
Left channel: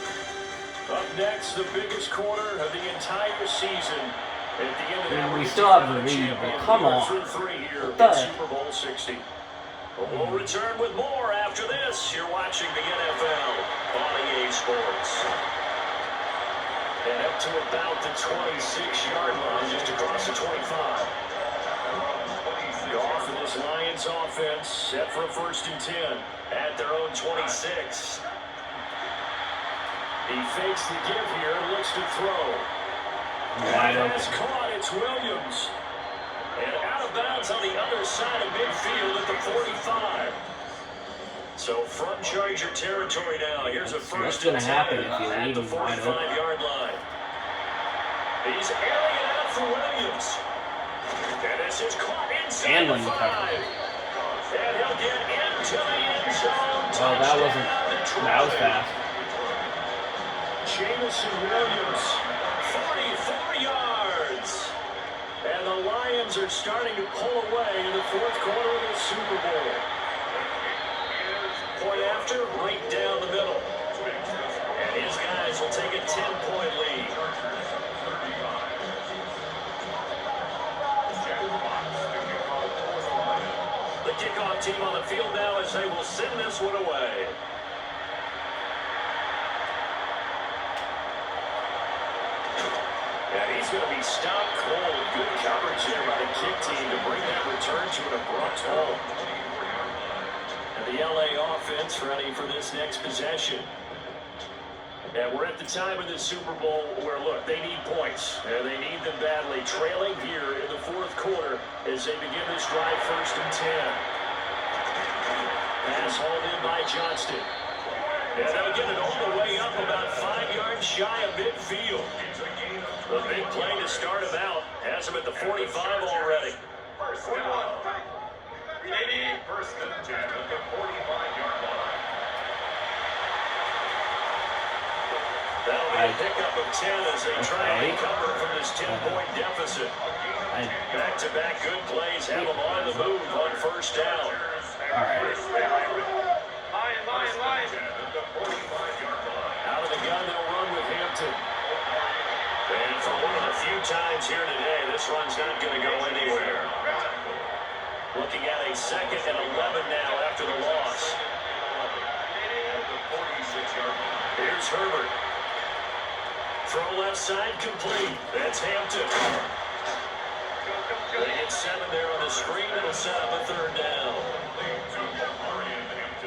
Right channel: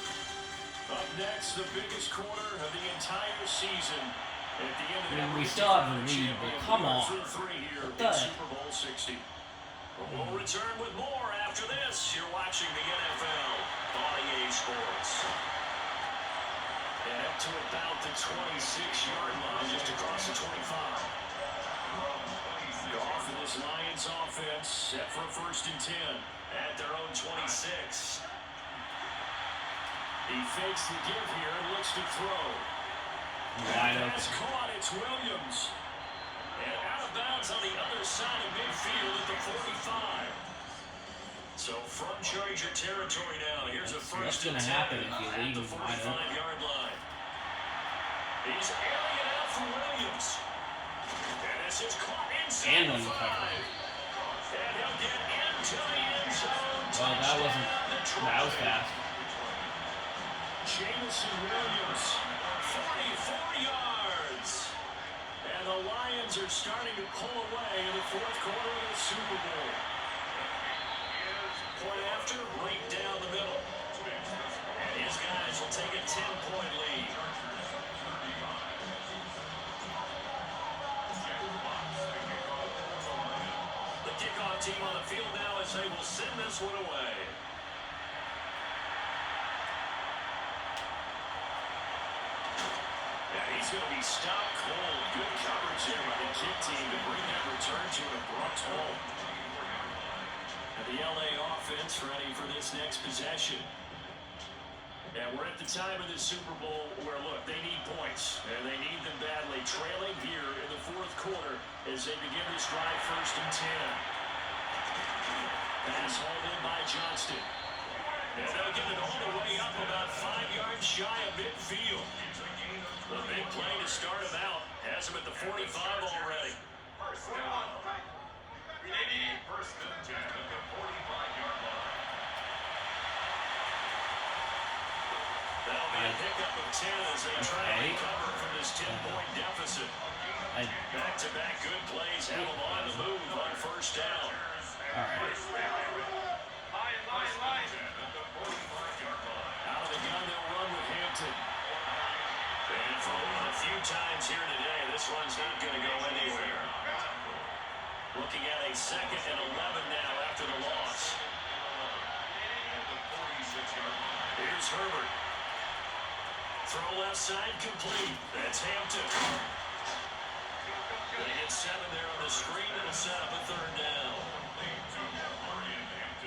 Up next, the biggest quarter of the entire season. At the end of that, we still have the lead, but come on. Here in Super Bowl 60. But we'll return with more after this. You're watching the NFL on EA Sports. And up to about the 26-yard line, just across the 25. Off of this Lions offense, set for a 1st and 10 at their own 26. He fakes the give here and looks to throw. Pass caught, it's Williams. And out of bounds on the other side of midfield at the 45. So from Charger territory now, here's a 1st and 10 at the 45-yard line. He's airing it out for Williams. And this is caught inside the 5. And he'll get into the end zone. Well, that was fast. Jamison Williams, 44 yards. And the Lions are starting to pull away in the 4th quarter of the Super Bowl. Point after, right down the middle. And his guys will take a 10-point lead. The kickoff team on the field now as they will send this one away. And he's going to be stopped cold. Good coverage here by the kick team to bring that return to an abrupt halt. And the LA offense ready for this next possession. And we're at the time of the Super Bowl where, look, they need points. And they need them badly. Trailing here in the 4th quarter as they begin this drive 1st and 10. Pass hauled in by Johnston. And they'll get it all the way up about 5 yards shy of midfield. The big play to start him out. Has him at the 45 already. 1st down. 1st and 10 at the 45-yard line. That'll be a pickup of 10 as they try to recover from this 10-point deficit. Back-to-back good plays have them on the move on 1st down. Out of the gun, they'll run with Hampton. And for one of the few times here today, this run's not going to go anywhere. Looking at a 2nd and 11 now after the loss. Here's Herbert. Throw left side complete. That's Hampton. They get 7 there on the screen. It'll set up a 3rd down.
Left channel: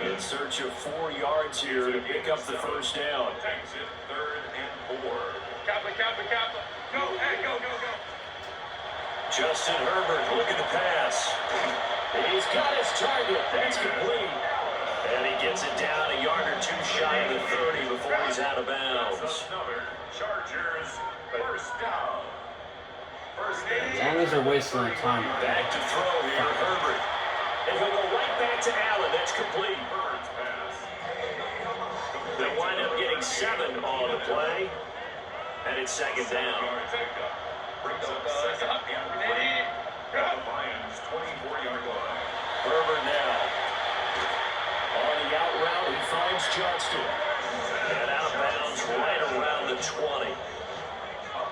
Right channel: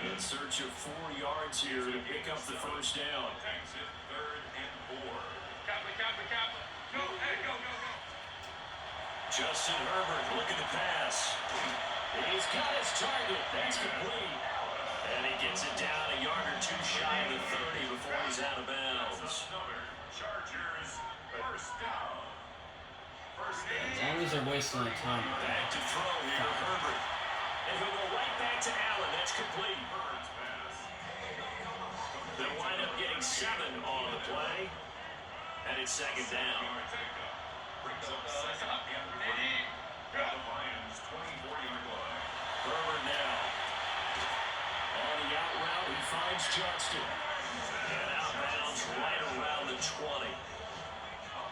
In search of 4 yards here to pick up the 1st down. 3rd and 4. Go. Justin Herbert looking to pass. He's got his target. That's complete. And he gets it down a yard or 2 shy of the 30 before he's out of bounds. Chargers, 1st down. As long as they're wasting their time. Back to throw here, Herbert. And he'll go right back to Allen. That's complete. They'll wind up getting 7 on the play. And it's 2nd down. Brings up 2nd and 3. At the Lions' 24-yard line. Herbert now. On the out route, he finds Johnston. And out of bounds right around the 20. A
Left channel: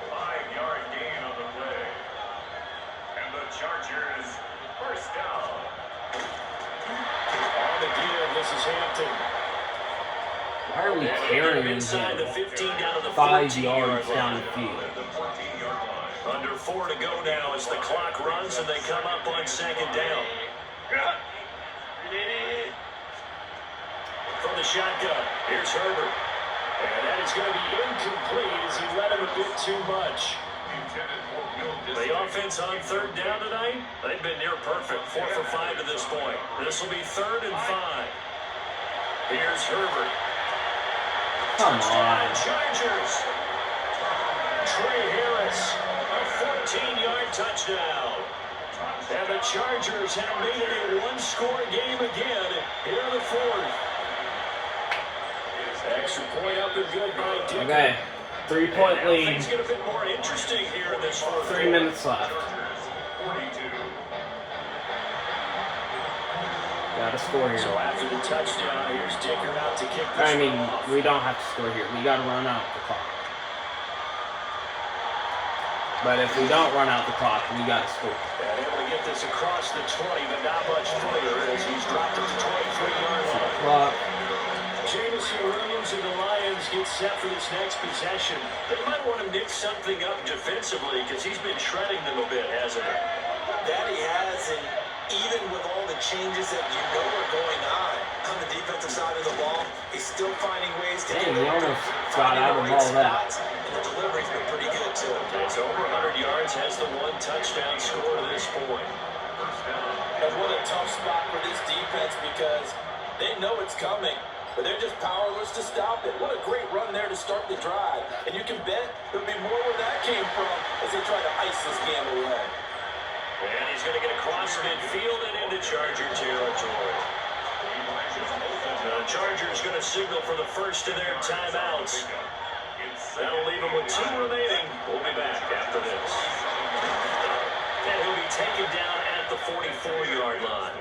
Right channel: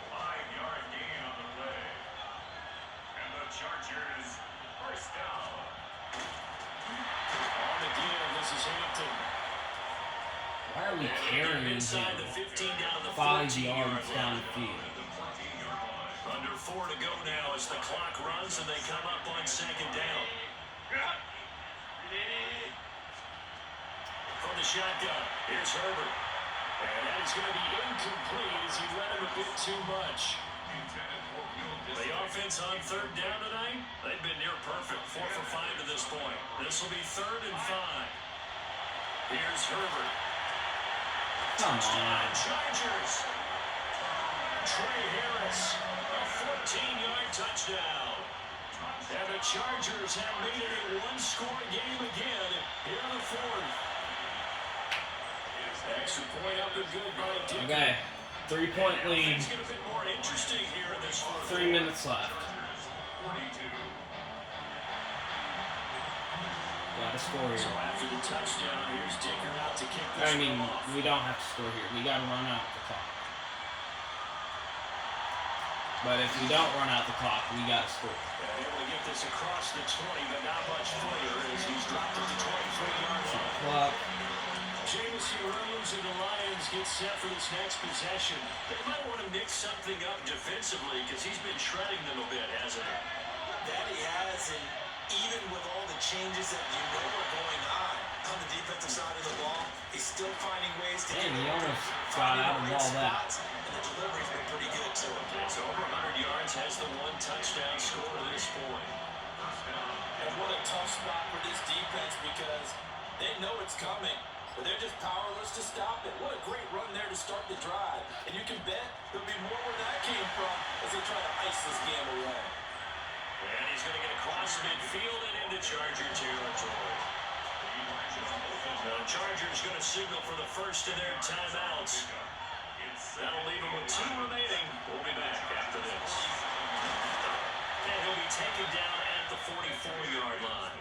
5-yard gain on the play. And the Chargers, 1st down. On the give, this is Hampton. Why are we carrying him inside the 15 down to the 5 14 yards yard down line. the field? Under 4 to go now as the clock runs and they come up on 2nd down. From the shotgun, here's Herbert. And that is going to be incomplete as he let him a bit too much. The offense on 3rd down tonight, they've been near perfect. 4 for 5 to this point. This will be 3rd and 5. Here's Herbert. Come Touchdown, on. Chargers. Trey Harris, a 14-yard touchdown. And the Chargers have made it a 1-score game again here in the 4th. Extra point up and good by Dicker. Okay. 3-point lead. Things get a bit more interesting here in this fourth. 3 minutes left. 42. Gotta score here. So after the touchdown, here's Dicker out to kick this I mean, one off. we don't have to score here. We gotta run out the clock. But if we don't run out the clock, we gotta score. And able to get this across the 20, but not much further as he's dropped at the 23-yard line. Clock. Jamison Williams and the Lions get set for this next possession. They might want to mix something up defensively because he's been shredding them a bit, hasn't he? That he has, and even with all the changes that you know are going on the defensive side of the ball, he's still finding ways to Dang, get he open, almost got finding out the of right all that. spots, and the delivery's been pretty good too. It's over 100 yards, has the one touchdown score to this point. And what a tough spot for this defense because they know it's coming, but they're just powerless to stop it. What a great run there to start the drive. And you can bet there'll be more where that came from as they try to ice this game away. And he's going to get across midfield and into Charger territory. The Chargers going to signal for the first of their timeouts. That'll leave them with 2 remaining. We'll be back after this. And he'll be taken down at the 44-yard line.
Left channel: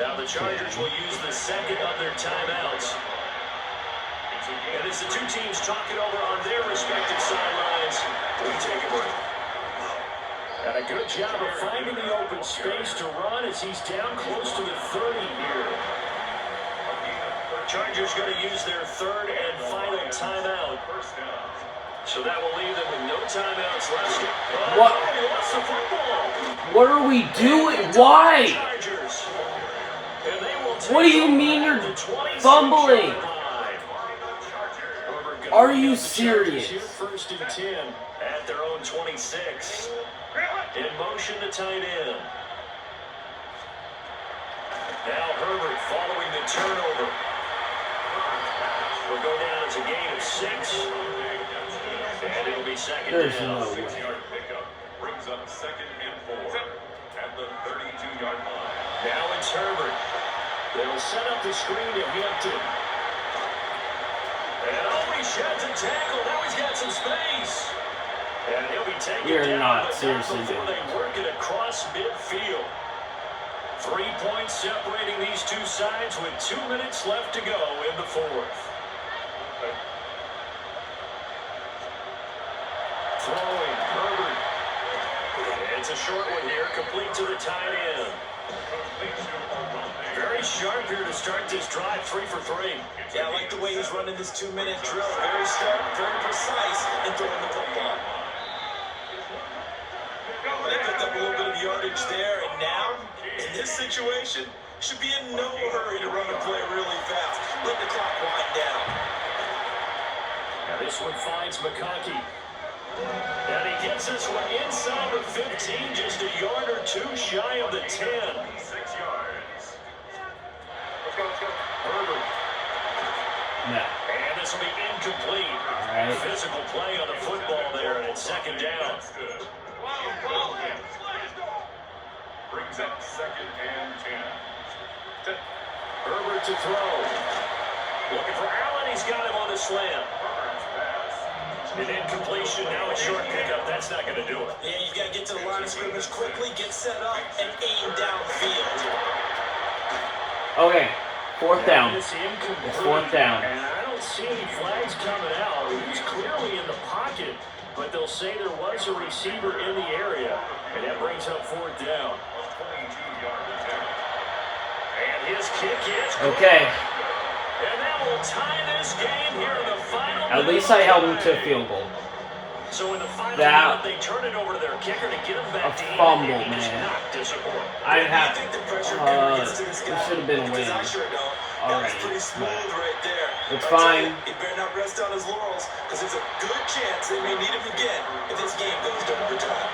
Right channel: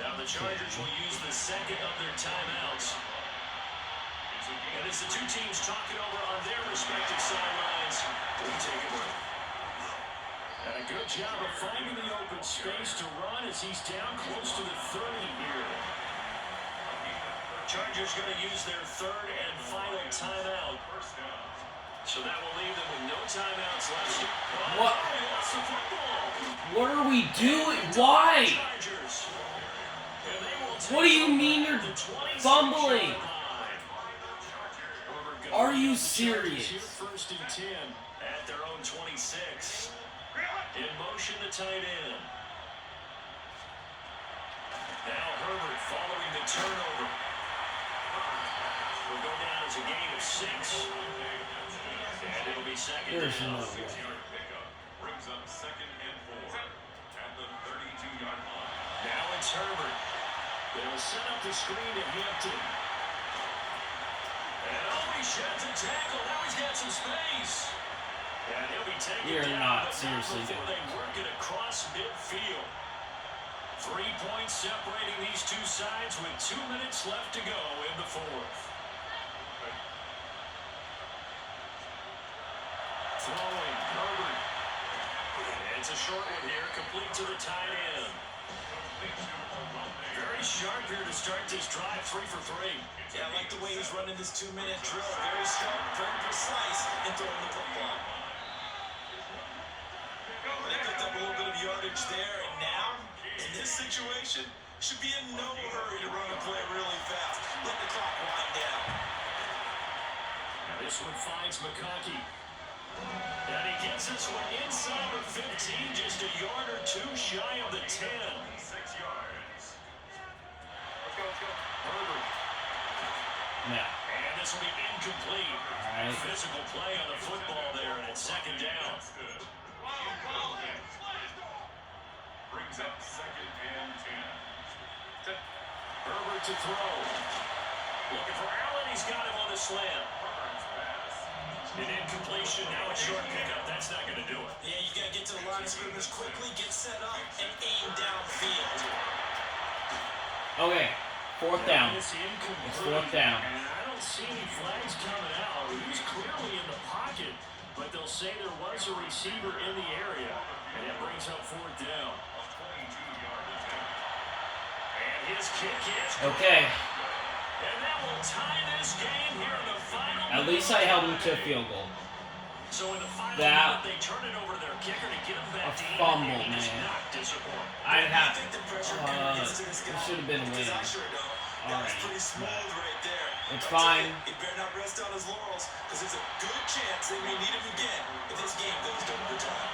Now the Chargers will use the second of their timeouts. And as the two teams talk it over on their respective sidelines, we take a break. And a good job of finding the open space to run as he's down close to the 30 here. Chargers going to use their third and final timeout. So that will leave them with no timeouts left. What? He lost the football. What are we doing? Why? Chargers. And they will What do you mean you're fumbling? Are you serious? Here first and 10 at their own 26. In motion to tight end. Now Herbert following the turnover. Will go down as a gain of 6. And it'll be second There's down. no way. 6-yard pickup brings up 2nd and 4 at the 32-yard line. Now it's Herbert. They'll set up the screen to Hampton. And he sheds a tackle. Now he's got some space. And he'll be taken You're down, not but seriously before doing they work it across midfield. 3 points separating these two sides with 2 minutes left to go in the fourth. Throwing, Herbert. It's a short one here, complete to the tight end. Very sharp here to start this drive, 3 for 3. Yeah, I like the way he's running this 2-minute drill. Very sharp, very precise in throwing the football. They picked up a little bit of yardage there, and now, in this situation, should be in no hurry to run the play really fast. Let the clock wind down. Now this one finds McConkey. And he gets this one inside the 15, just a yard or 2 shy of the 10. 6 yards. Herbert. No. And this will be incomplete. All right. Physical play on the football there, and it's second down. That's good. Brings up 2nd and 10. Herbert to throw. Looking for Allen. He's got him on the slam. Herbert's pass. An incompletion. Now a short pickup. That's not going to do it. Yeah, you got to get to the line of scrimmage quickly, get set up, and aim downfield. Okay. 4th down. It's incomplete. It's 4th down. And I don't see any flags coming out. He's clearly in the pocket, but they'll say there was a receiver in the area, and that brings up 4th down. 22-yard attempt. And his kick is good. Okay. And that will tie this game here in the final. At least I held him to a field goal. So in the final That- minute, they turn it over to their kicker to get him back to fumble, even, and he man. does not disappoint. I have. I think the pressure never gets to this It guy. should have been a Because win. I sure don't. That was Alright, pretty smooth right there. It's I tell fine. you, he better not rest on his laurels because there's a good chance they may need him again if this game goes to overtime.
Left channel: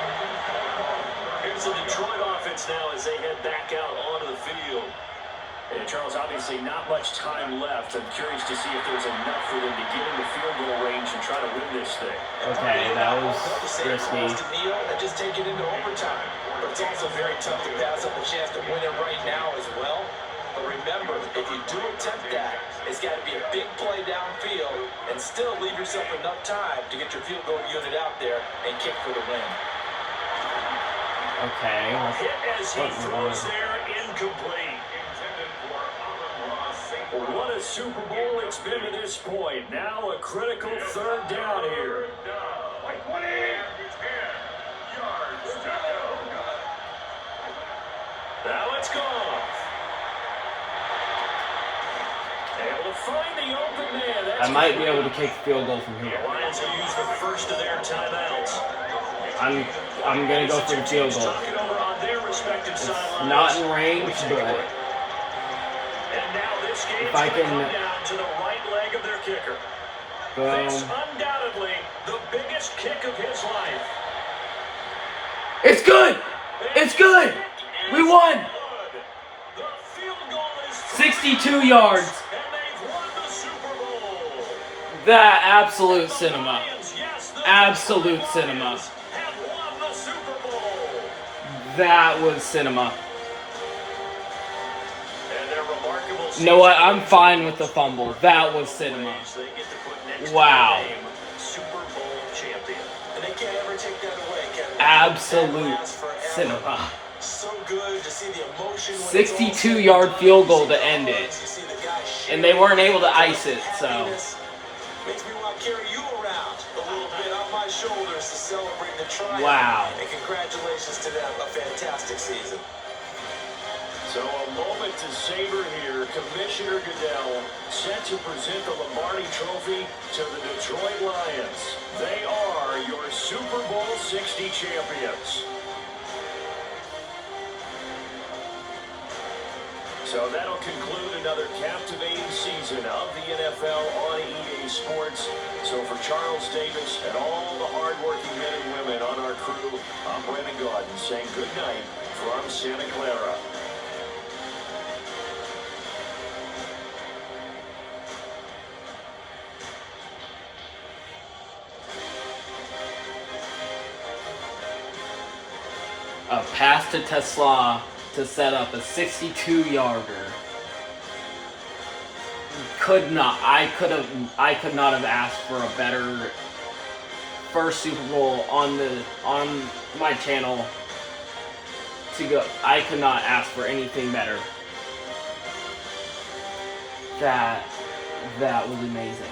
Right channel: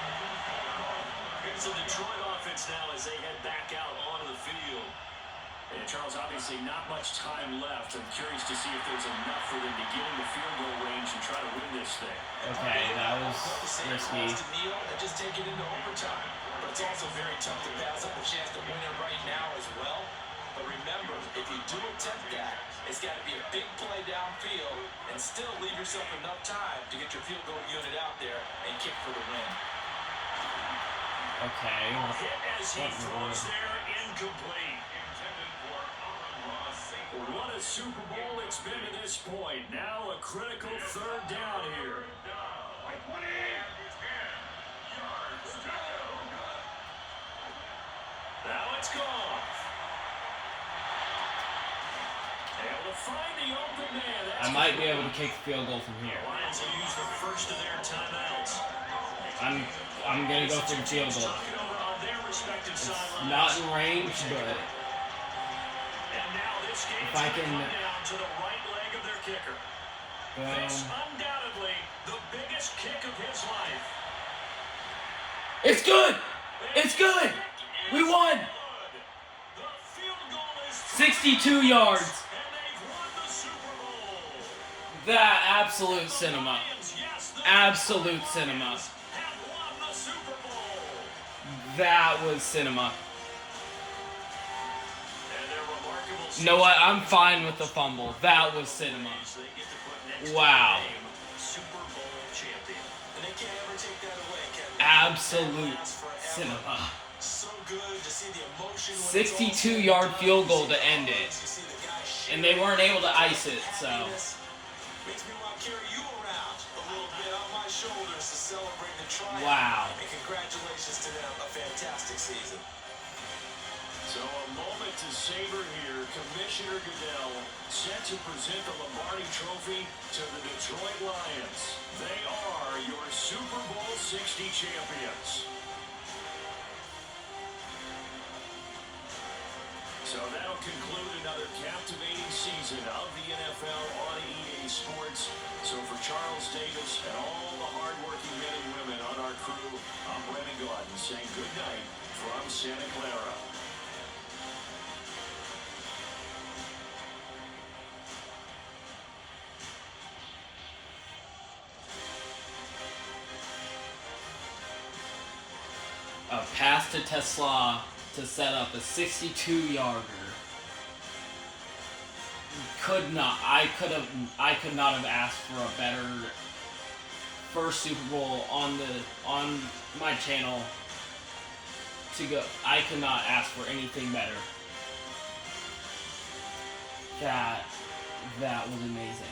Here's the Detroit offense now as they head back out onto the field. And Charles, obviously not much time left. I'm curious to see if there's enough for them to get in the field goal range and try to win this thing. Okay, that was The same risky. calls to kneel and just take it into overtime. But it's also very tough to pass up a chance to win it right now as well. But remember, if you do attempt that, it's got to be a big play downfield and still leave yourself enough time to get your field goal unit out there and kick for the win. Okay. Hit as he throws there, incomplete. What a Super Bowl it's been to this point. Now a critical third down here. Now it's gone. Able to find the open man. That's I might be able to kick the field goal from here. The Lions will use the first of their timeouts. I'm gonna go for the field goal. Talking over on their respective sidelines. Not in range, but And now this game's if I going to can come down to the right leg of their kicker. This undoubtedly the biggest kick of his life. It's good. It's good. We won. The field goal is 62 yards. and they've won the Super Bowl. That absolute cinema. Lions, yes, the Absolute cinema. Lions have won the Super Bowl. That was cinema. And their remarkable You know what? I'm fine with the fumble. That was cinema. They get to put next Wow. to their name, Super Bowl champion. And they can't ever take that away, can they? Absolute That lasts forever. cinema. So good to see the emotion when 62-yard field goal to end it. You see the guys And they weren't able to ice it, so. happiness. Makes me want to carry you around a little bit on my shoulders to celebrate the triumph. Wow. And congratulations to them. A fantastic season. So a moment to savor here. Commissioner Goodell set to present the Lombardi Trophy to the Detroit Lions. They are your Super Bowl 60 champions. So that'll conclude another captivating season of the NFL on EA Sports. So for Charles Davis and all the hardworking men and women on our crew, I'm Brandon Gordon saying good night from Santa Clara. A pass to Tesla to set up a 62-yarder. I could not have asked for a better first Super Bowl on my channel to go. I could not ask for anything better. That was amazing.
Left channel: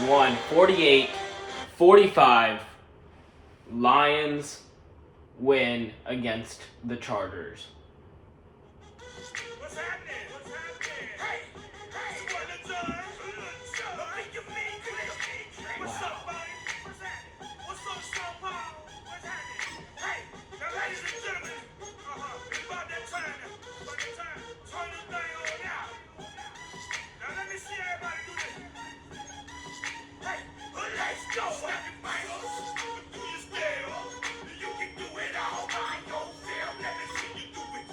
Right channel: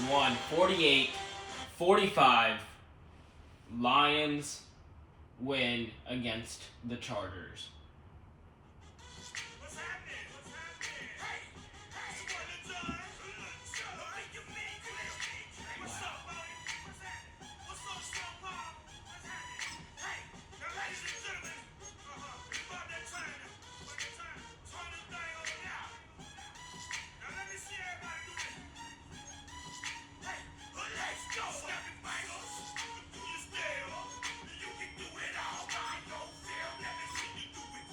We won 48-45. Lions win against the Chargers. What's happening? What's happening? Hey! What's up, buddy? What's happening? What's up, São Paulo? What's happening? Hey! Now, ladies and gentlemen, it's about that time. About that time. Turn this thing on now. Now, let me see everybody do this. Hey! Let's go! Happy Bengals! Do you still? You can do it all by yourself. Let me see you do it.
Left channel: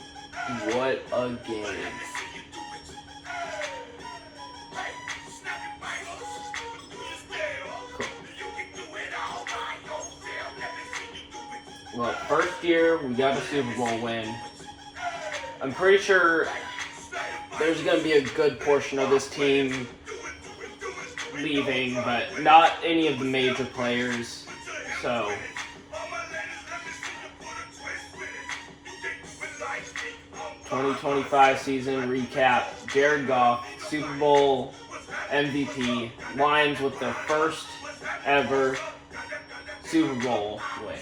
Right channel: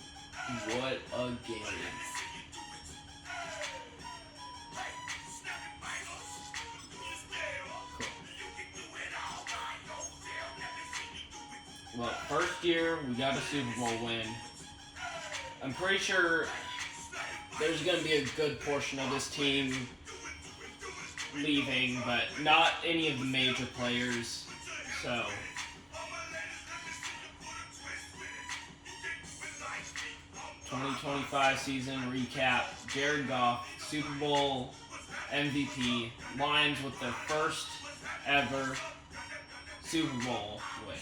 What a game. Well, first year we got a Super Bowl win. I'm pretty sure there's going to be a good portion of this team leaving, but not any of the major players. So 2025 season recap. Jared Goff, Super Bowl MVP. Lions with their first ever Super Bowl win.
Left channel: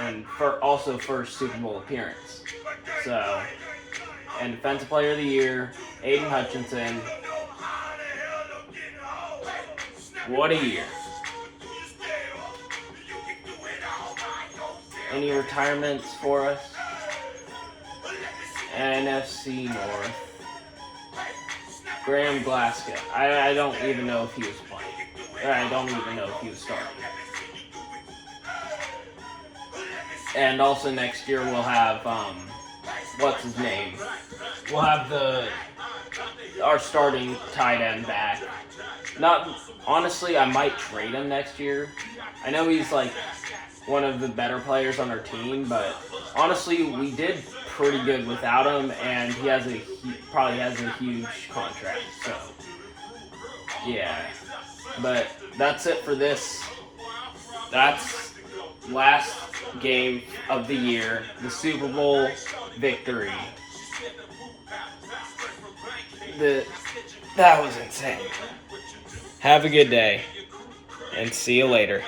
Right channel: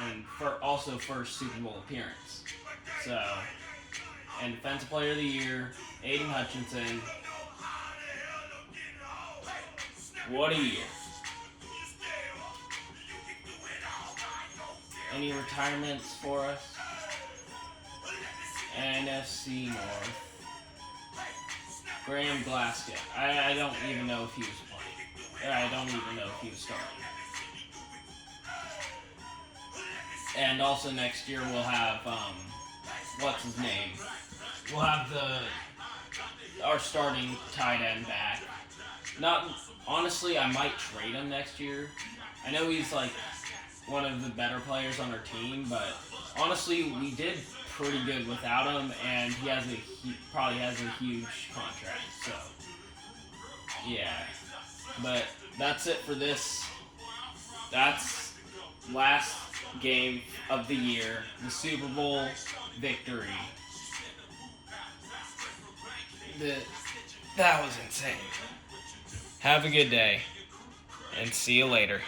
And also first Super Bowl appearance. So, and Defensive Player of the Year, Aiden Hutchinson. What a year. Any retirements for us? NFC North. Graham Glasgow. I don't even know if he was playing. I don't even know if he was starting. And also next year we'll have, what's his name? We'll have our starting tight end back. Not honestly, I might trade him next year. I know he's like one of the better players on our team, but honestly, we did pretty good without him, and he probably has a huge contract. So yeah, but that's it for this. That's last game of the year, the Super Bowl victory. That was insane. Have a good day, and see you later.